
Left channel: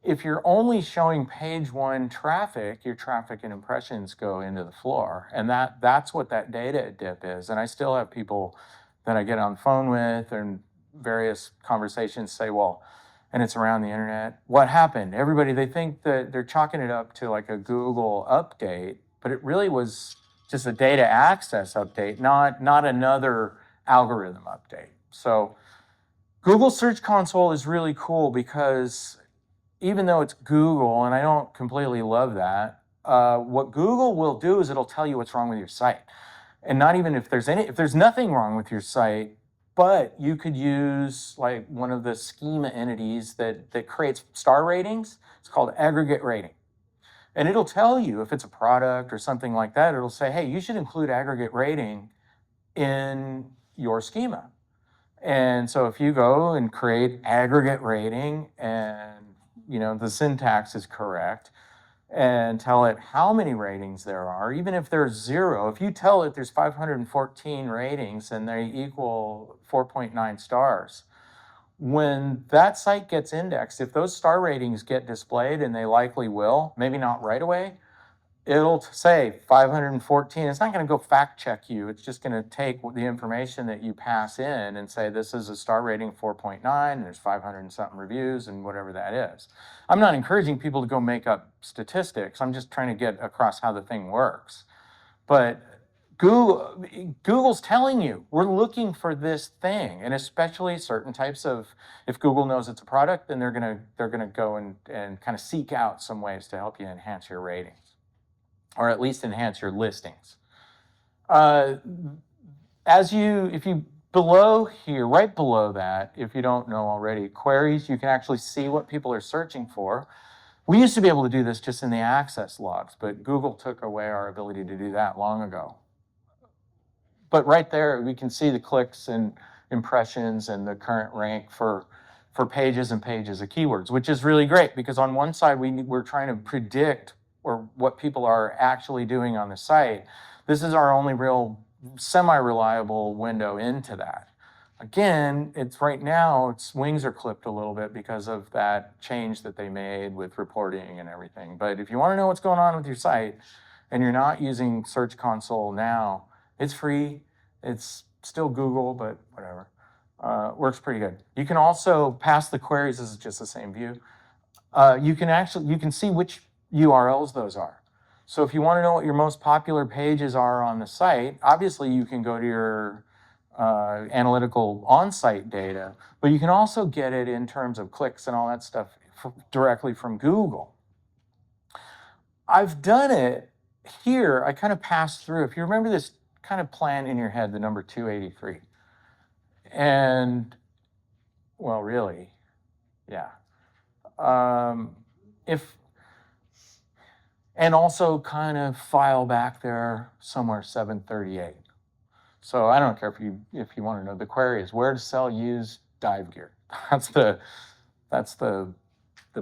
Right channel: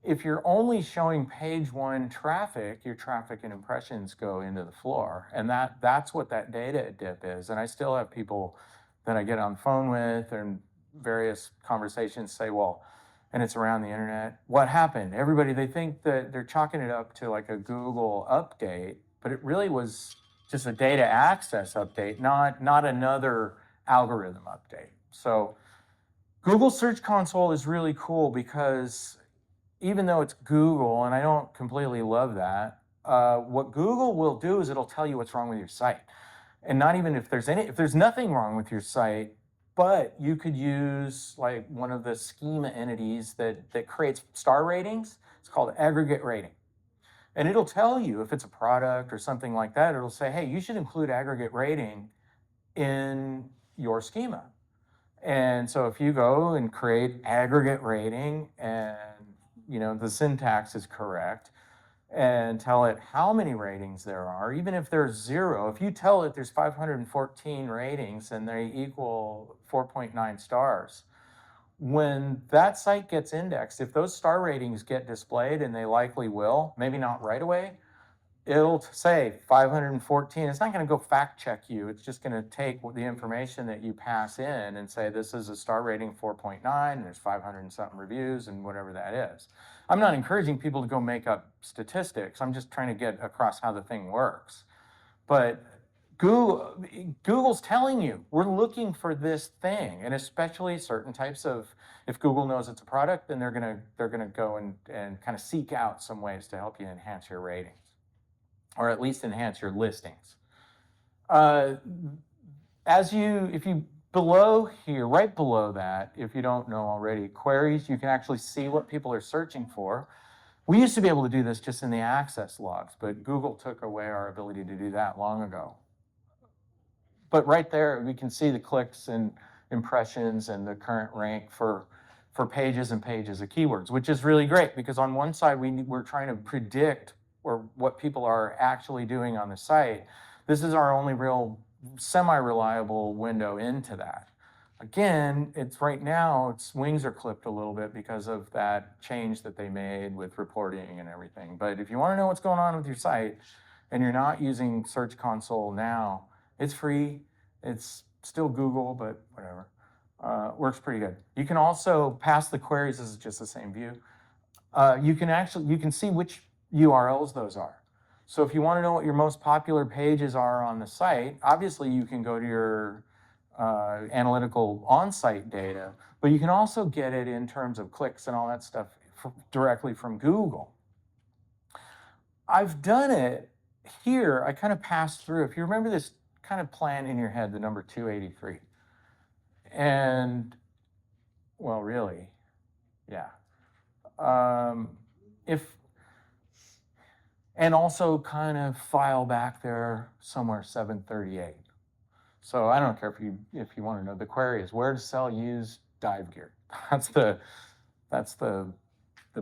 If you're only showing page 1 traffic, your traffic and impressions go into the floor. And that's what that data dip is. And I still have people that I get on the phone with and various conversations say, well, and it's around the internet, what happened? Everybody, they think that they're chalking it up to like a Google update, but it really was just a data access update, not another algorithm update. So Google Search Console is really cool because even though it's Google, and I don't completely love that, what Google will do is it'll tell you what's wrong with your site. And not even if there's nothing wrong with your site, but you could use like one of the schema entities that creates star ratings. It's called aggregate rating. And it'll tell you if it's a product or something like that, it'll say, hey, you should include aggregate rating in your schema. And so if you go and create aggregate rating and the syntax is correct, and tell it how many ratings there are, even if there's 0, if you tell it there's 514 ratings and they equal 4.9 stars, when that site gets indexed, if those star ratings get displayed, and they likely will, maybe not right away, it'll say 514. It's not going to go fact check you. It's just going to take the information that you pass in and say this is a star rating 4.9, and there's 500 and something reviews and whatever that is. I'm not encouraging people to go make up statistics. I'm just trying to get across how the thing works. But Google's telling you, we're looking for this thing, and especially certain types of, if Google knows it's a product, then they're gonna go and kind of seek out some ways to help you enhance your ratings, or at least enhance your listings. If you below here, right below that, if you don't know already, queries, you can actually see what people are searching for. We used to be able to do this just in the access logs, but Google took away our ability to do that long ago. But right there, we can see the clicks and impressions and the current rank for pages and pages of keywords, which is really great because on one side, we're trying to predict what people are actually doing on the site. This is our only real semi-reliable window into that. Again, it's right now, its wings are clipped a little bit because of that change that they made with reporting and everything. But if you want to know what's going on with your site and you're not using Search Console now, it's free. It's still Google, but whatever. Works pretty good. You can also pass the queries. This is just the same view. You can see which URLs those are. So if you want to know what your most popular pages are on the site, obviously you can go to your analytical on-site data, but you can also get it in terms of clicks and all that stuff directly from Google. I've done it here. I kind of passed through. If you remember this kind of plan in your head, the number 283. And, well, really, yeah. And also kind of file back there somewhere 738. So I don't care if you want to know. The query is where to sell used dive gear. That's the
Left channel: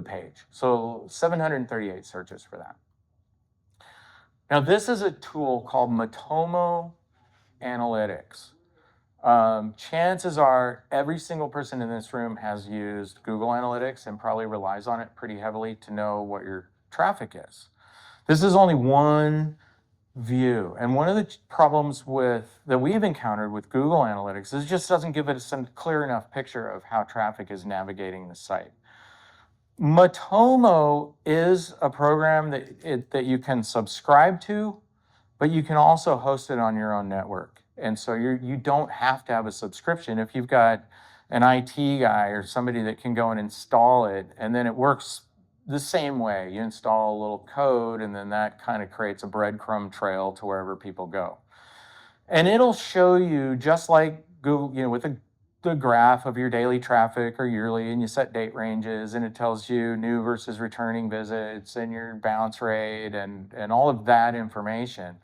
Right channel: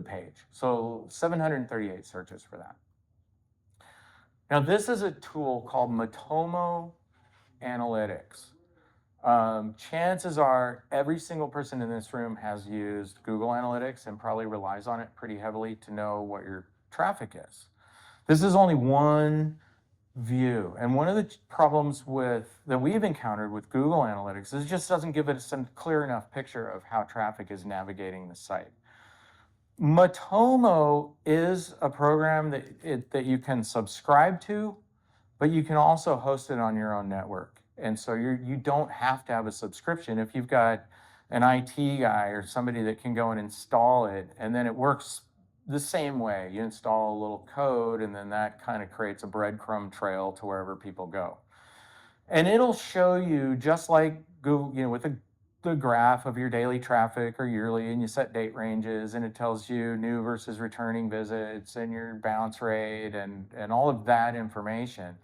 page. So 738 searches for that. Now this is a tool called Matomo Analytics. Chances are every single person in this room has used Google Analytics and probably relies on it pretty heavily to know what your traffic is. This is only one view. And one of the problems that we've encountered with Google Analytics is it just doesn't give us a clear enough picture of how traffic is navigating the site. Matomo is a program that you can subscribe to, but you can also host it on your own network. And so you don't have to have a subscription. If you've got an IT guy or somebody that can go and install it, and then it works the same way. You install a little code, and then that kind of creates a breadcrumb trail to wherever people go. And it'll show you, just like Google, with the graph of your daily traffic or yearly, and you set date ranges, and it tells you new versus returning visits and your bounce rate and all of that information.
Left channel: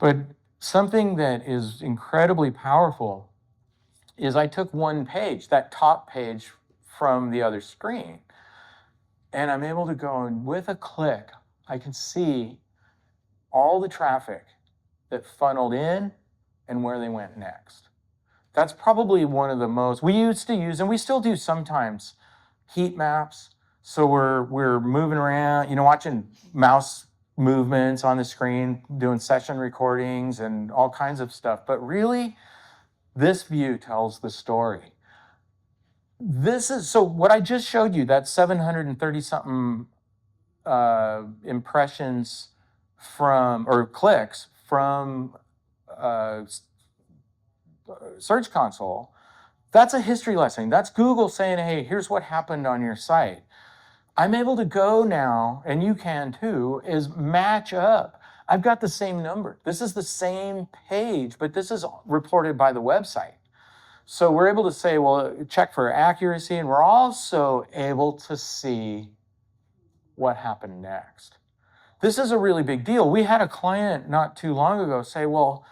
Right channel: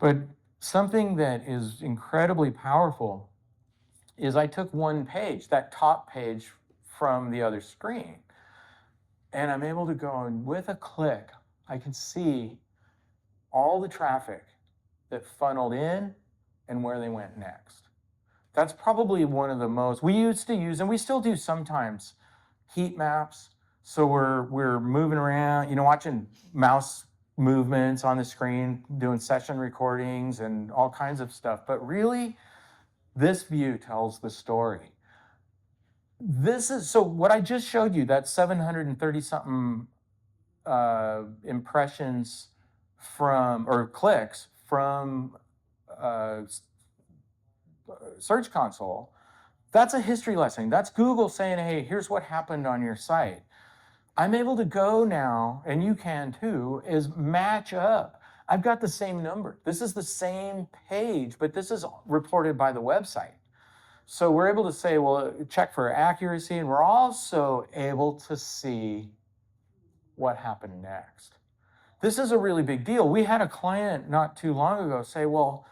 But something that is incredibly powerful is I took one page, that top page from the other screen, and I'm able to go and with a click, I can see all the traffic that funneled in and where they went next. That's probably one of the most, we used to use, and we still do sometimes, heat maps. So we're moving around, watching mouse movements on the screen, doing session recordings and all kinds of stuff. But really, this view tells the story. So what I just showed you, that 730 something impressions or clicks from Search Console, that's a history lesson. That's Google saying, hey, here's what happened on your site. I'm able to go now, and you can too, is match up. I've got the same number. This is the same page, but this is reported by the website. So we're able to say, well, check for accuracy, and we're also able to see what happened next. This is a really big deal. We had a client not too long ago say, well,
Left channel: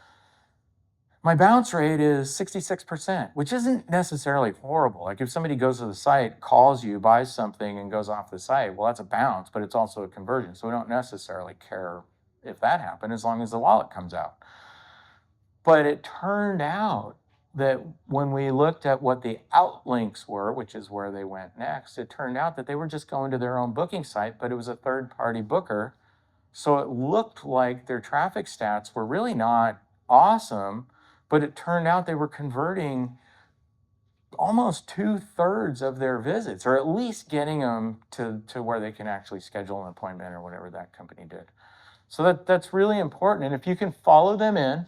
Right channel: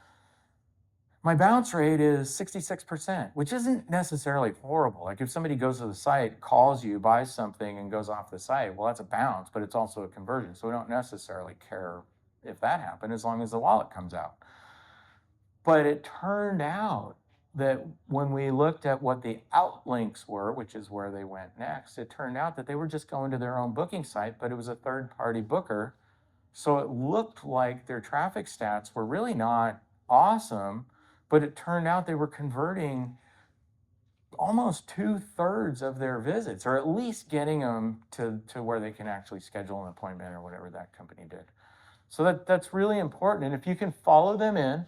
my bounce rate is 66%, which isn't necessarily horrible. Like if somebody goes to the site, calls you, buys something, and goes off the site, well, that's a bounce, but it's also a conversion. So we don't necessarily care if that happened as long as the wallet comes out. But it turned out that when we looked at what the outlinks were, which is where they went next, it turned out that they were just going to their own booking site, but it was a third-party booker. So it looked like their traffic stats were really not awesome, but it turned out they were converting almost 2/3 of their visits, or at least getting them to where they can actually schedule an appointment or whatever that company did. So that's really important. And if you can follow them in,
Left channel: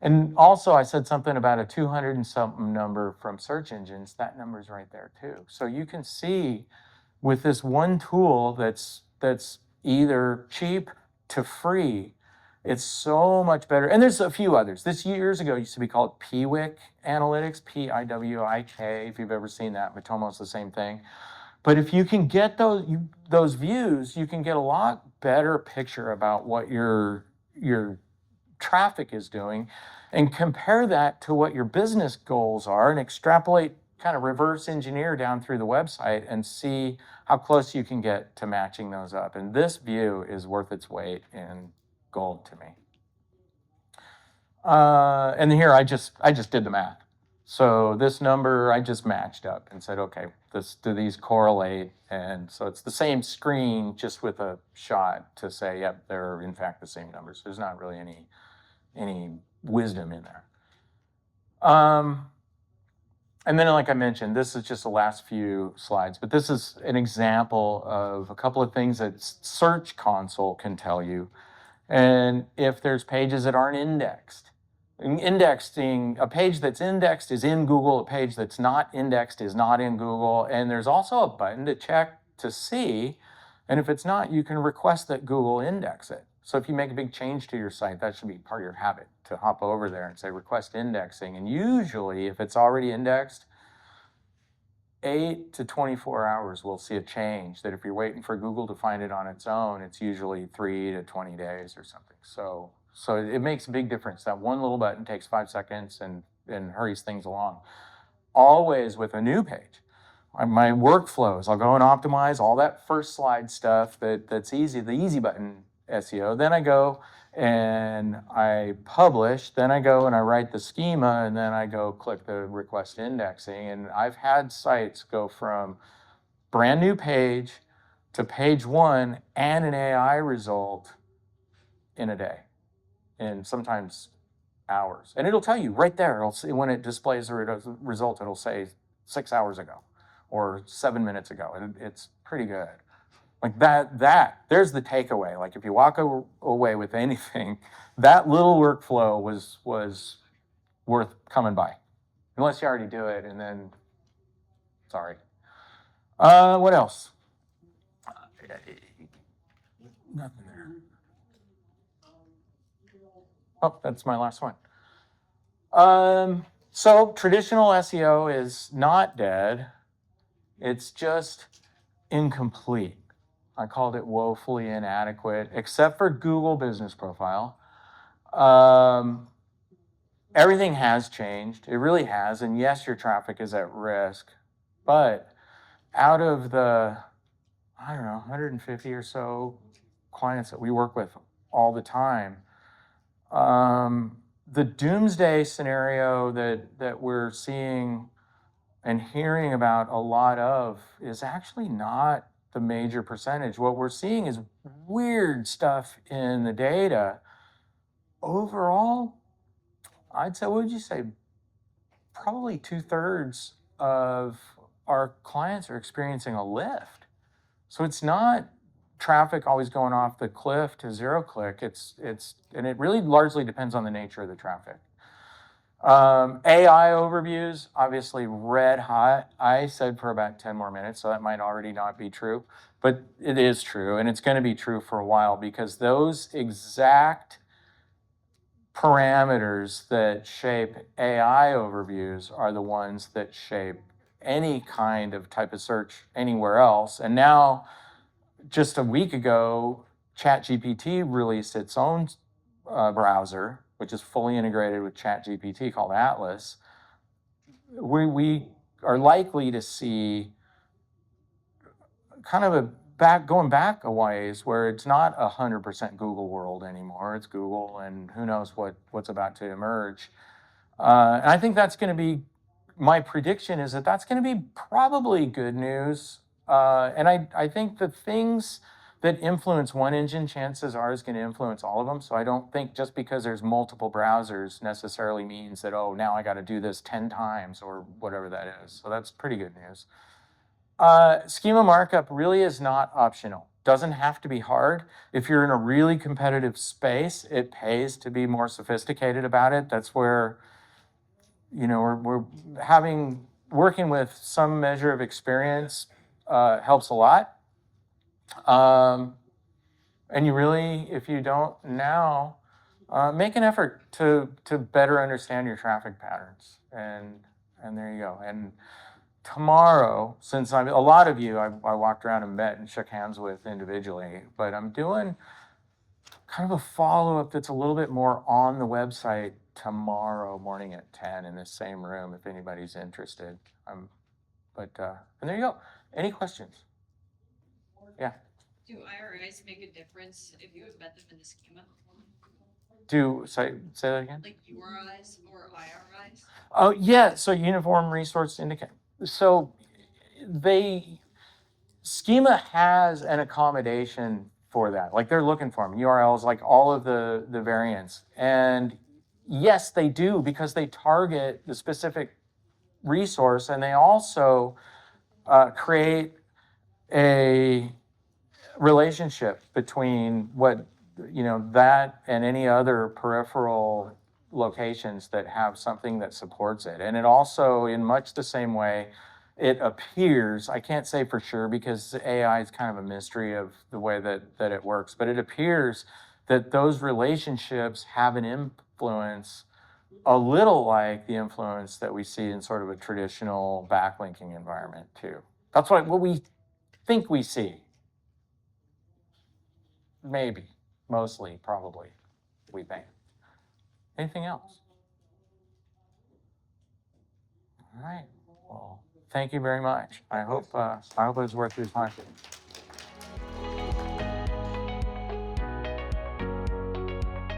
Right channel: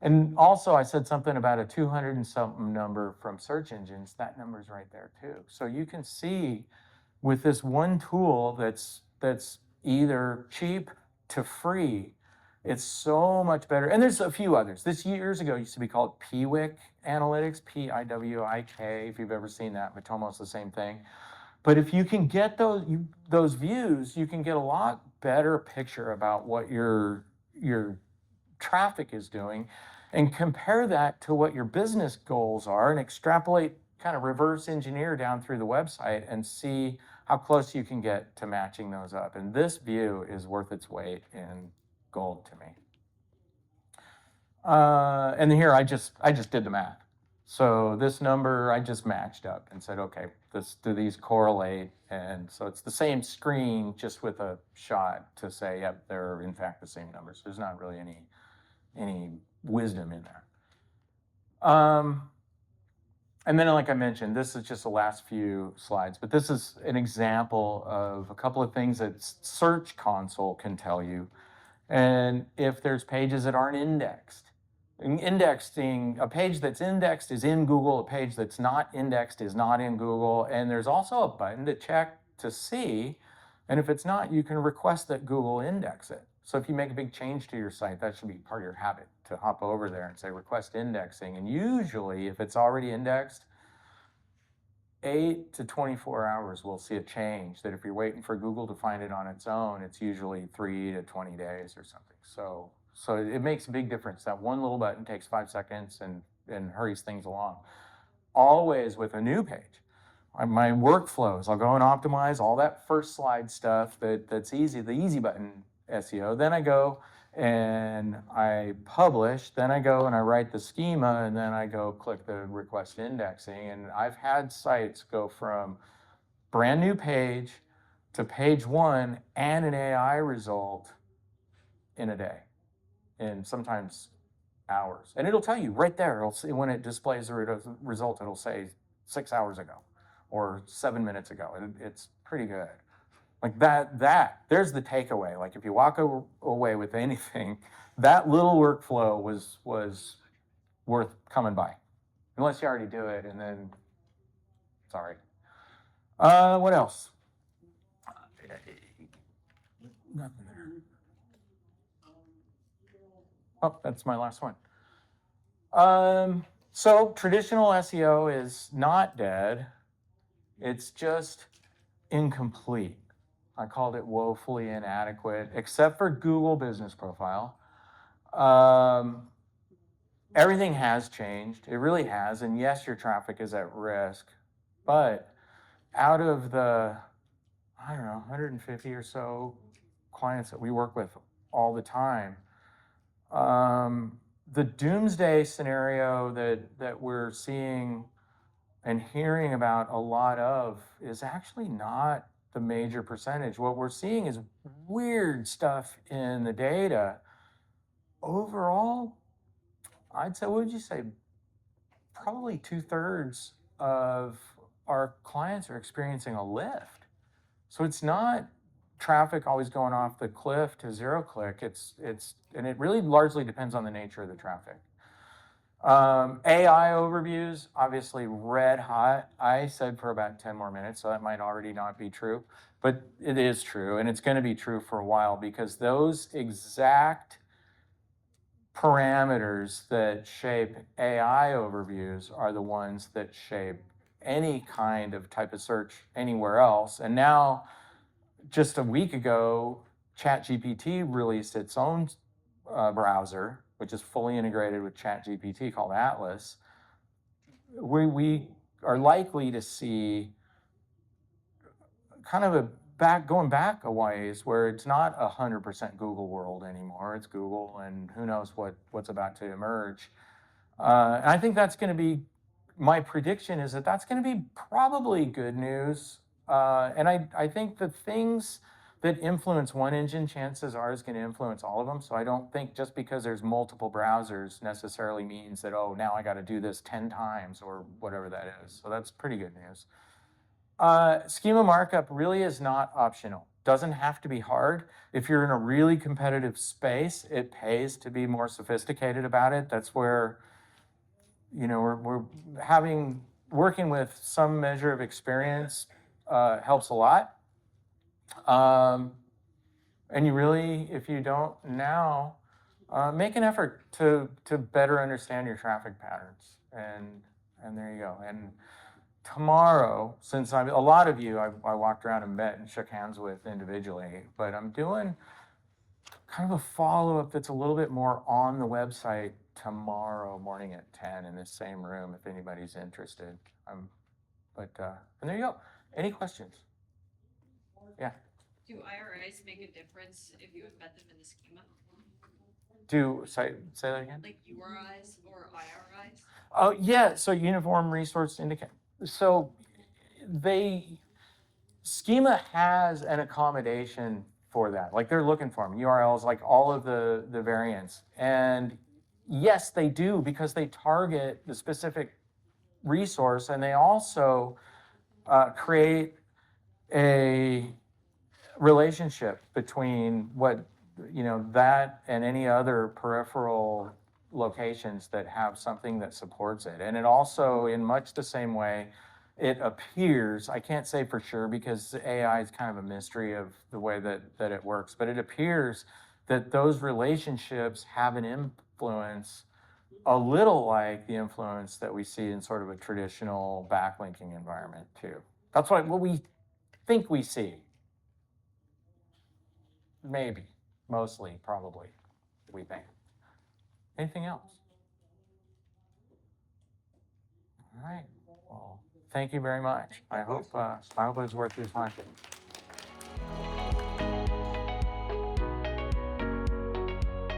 and also I said something about a 200 and something number from search engines, that number's right there too. So you can see with this one tool that's either cheap to free, it's so much better. And there's a few others. This years ago used to be called Piwik Analytics, Piwik. If you've ever seen that, Matomo's the same thing. But if you can get those views, you can get a lot better picture about what your traffic is doing, and compare that to what your business goals are, and extrapolate, kind of reverse engineer down through the website and see how close you can get to matching those up. And this view is worth its weight in gold to me. And here I just did the math. So this number I just matched up and said, okay, do these correlate? And so it's the same screen, just with a shot to say, yep, they're in fact the same numbers. There's not really any wisdom in there. And then, like I mentioned, this is just the last few slides, but this is an example of a couple of things that Search Console can tell you. And if there's pages that aren't indexed, indexing, a page that's indexed is in Google, a page that's not indexed is not in Google. And there's also a button to check to see, and if it's not, you can request that Google index it. So if you make a big change to your site, that should be part of your habit, to hop over there and say request indexing. And usually if it's already indexed, 8 to 24 hours we'll see a change. That if you're waiting for Google to find it on its own, it's usually 3 to 20 days or something. So it makes a big difference. That one little button takes 5 seconds and hurries things along. Always with a new page. My workflows, I'll go and optimize all that first slide stuff that's easy, the easy button SEO. Then I go and I publish, then I go and I write the schema, and then I go click the request indexing. And I've had sites go from brand new page to page 1 and an AI result in a day, and sometimes hours. And it'll tell you right there, it'll see, when it displays the result, it'll say 6 hours ago or 7 minutes ago. And it's pretty good. Like there's the takeaway. Like if you walk away with anything, that little workflow was worth coming by. Unless you already do it, and then, sorry. What else? Nothing there. Oh, that's my last one. So traditional SEO is not dead. It's just incomplete. I called it woefully inadequate, except for Google Business Profile. Everything has changed. It really has. And yes, your traffic is at risk. But out of the, I don't know, 150 or so clients that we work with all the time, the doomsday scenario that we're seeing and hearing about a lot of is actually not the major percentage. What we're seeing is weird stuff in the data. Overall, I'd say, what would you say? Probably 2/3 of our clients are experiencing a lift. So it's not traffic always going off the cliff to zero click. And it really largely depends on the nature of the traffic. AI overviews, obviously red hot. I said for about 10 more minutes, so that might already not be true, but it is true, and it's going to be true for a while, because those exact parameters that shape AI overviews are the ones that shape any kind of type of search anywhere else. And now, just a week ago, ChatGPT released its own browser, which is fully integrated with ChatGPT, called Atlas. We are likely to see kind of going back a ways, where it's not 100% Google world anymore. It's Google, and who knows what's about to emerge. And I think that's going to be, my prediction is that that's going to be probably good news. And I think the things that influence one engine, chances are, is going to influence all of them. So I don't think just because there's multiple browsers necessarily means that, oh, now I got to do this 10 times or whatever that is. So that's pretty good news. Schema markup really is not optional. doesn't have to be hard. If you're in a really competitive space, it pays to be more sophisticated about it. That's where, we're working with some measure of experience helps a lot. And you really, if you don't now, make an effort to better understand your traffic patterns, and there you go. And tomorrow, since a lot of you, I walked around and met and shook hands with individually, but I'm doing kind of a follow-up that's a little bit more on the website tomorrow morning at 10 in the same room if anybody's interested. And there you go. Any questions? Yeah. Do IRIs make a difference if you embed them in the schema? Say that again? Like URIs or IRIs? Oh, yeah. So Uniform Resource Indicator. So schema has an accommodation for that. Like they're looking for them, URLs, like all of the variants. And yes, they do, because they target the specific resource, and they also create a relationship between that and any other peripheral locations that have something that supports it. And it also, in much the same way, it appears, I can't say for sure because AI is kind of a mystery of the way that it works, but it appears that those relationships have an influence a little like the influence that we see in sort of a traditional backlinking environment too. That's what we think we see. Maybe, mostly, probably, we think. Anything else? All right. Well, thank you very much. I hope it was worth your time.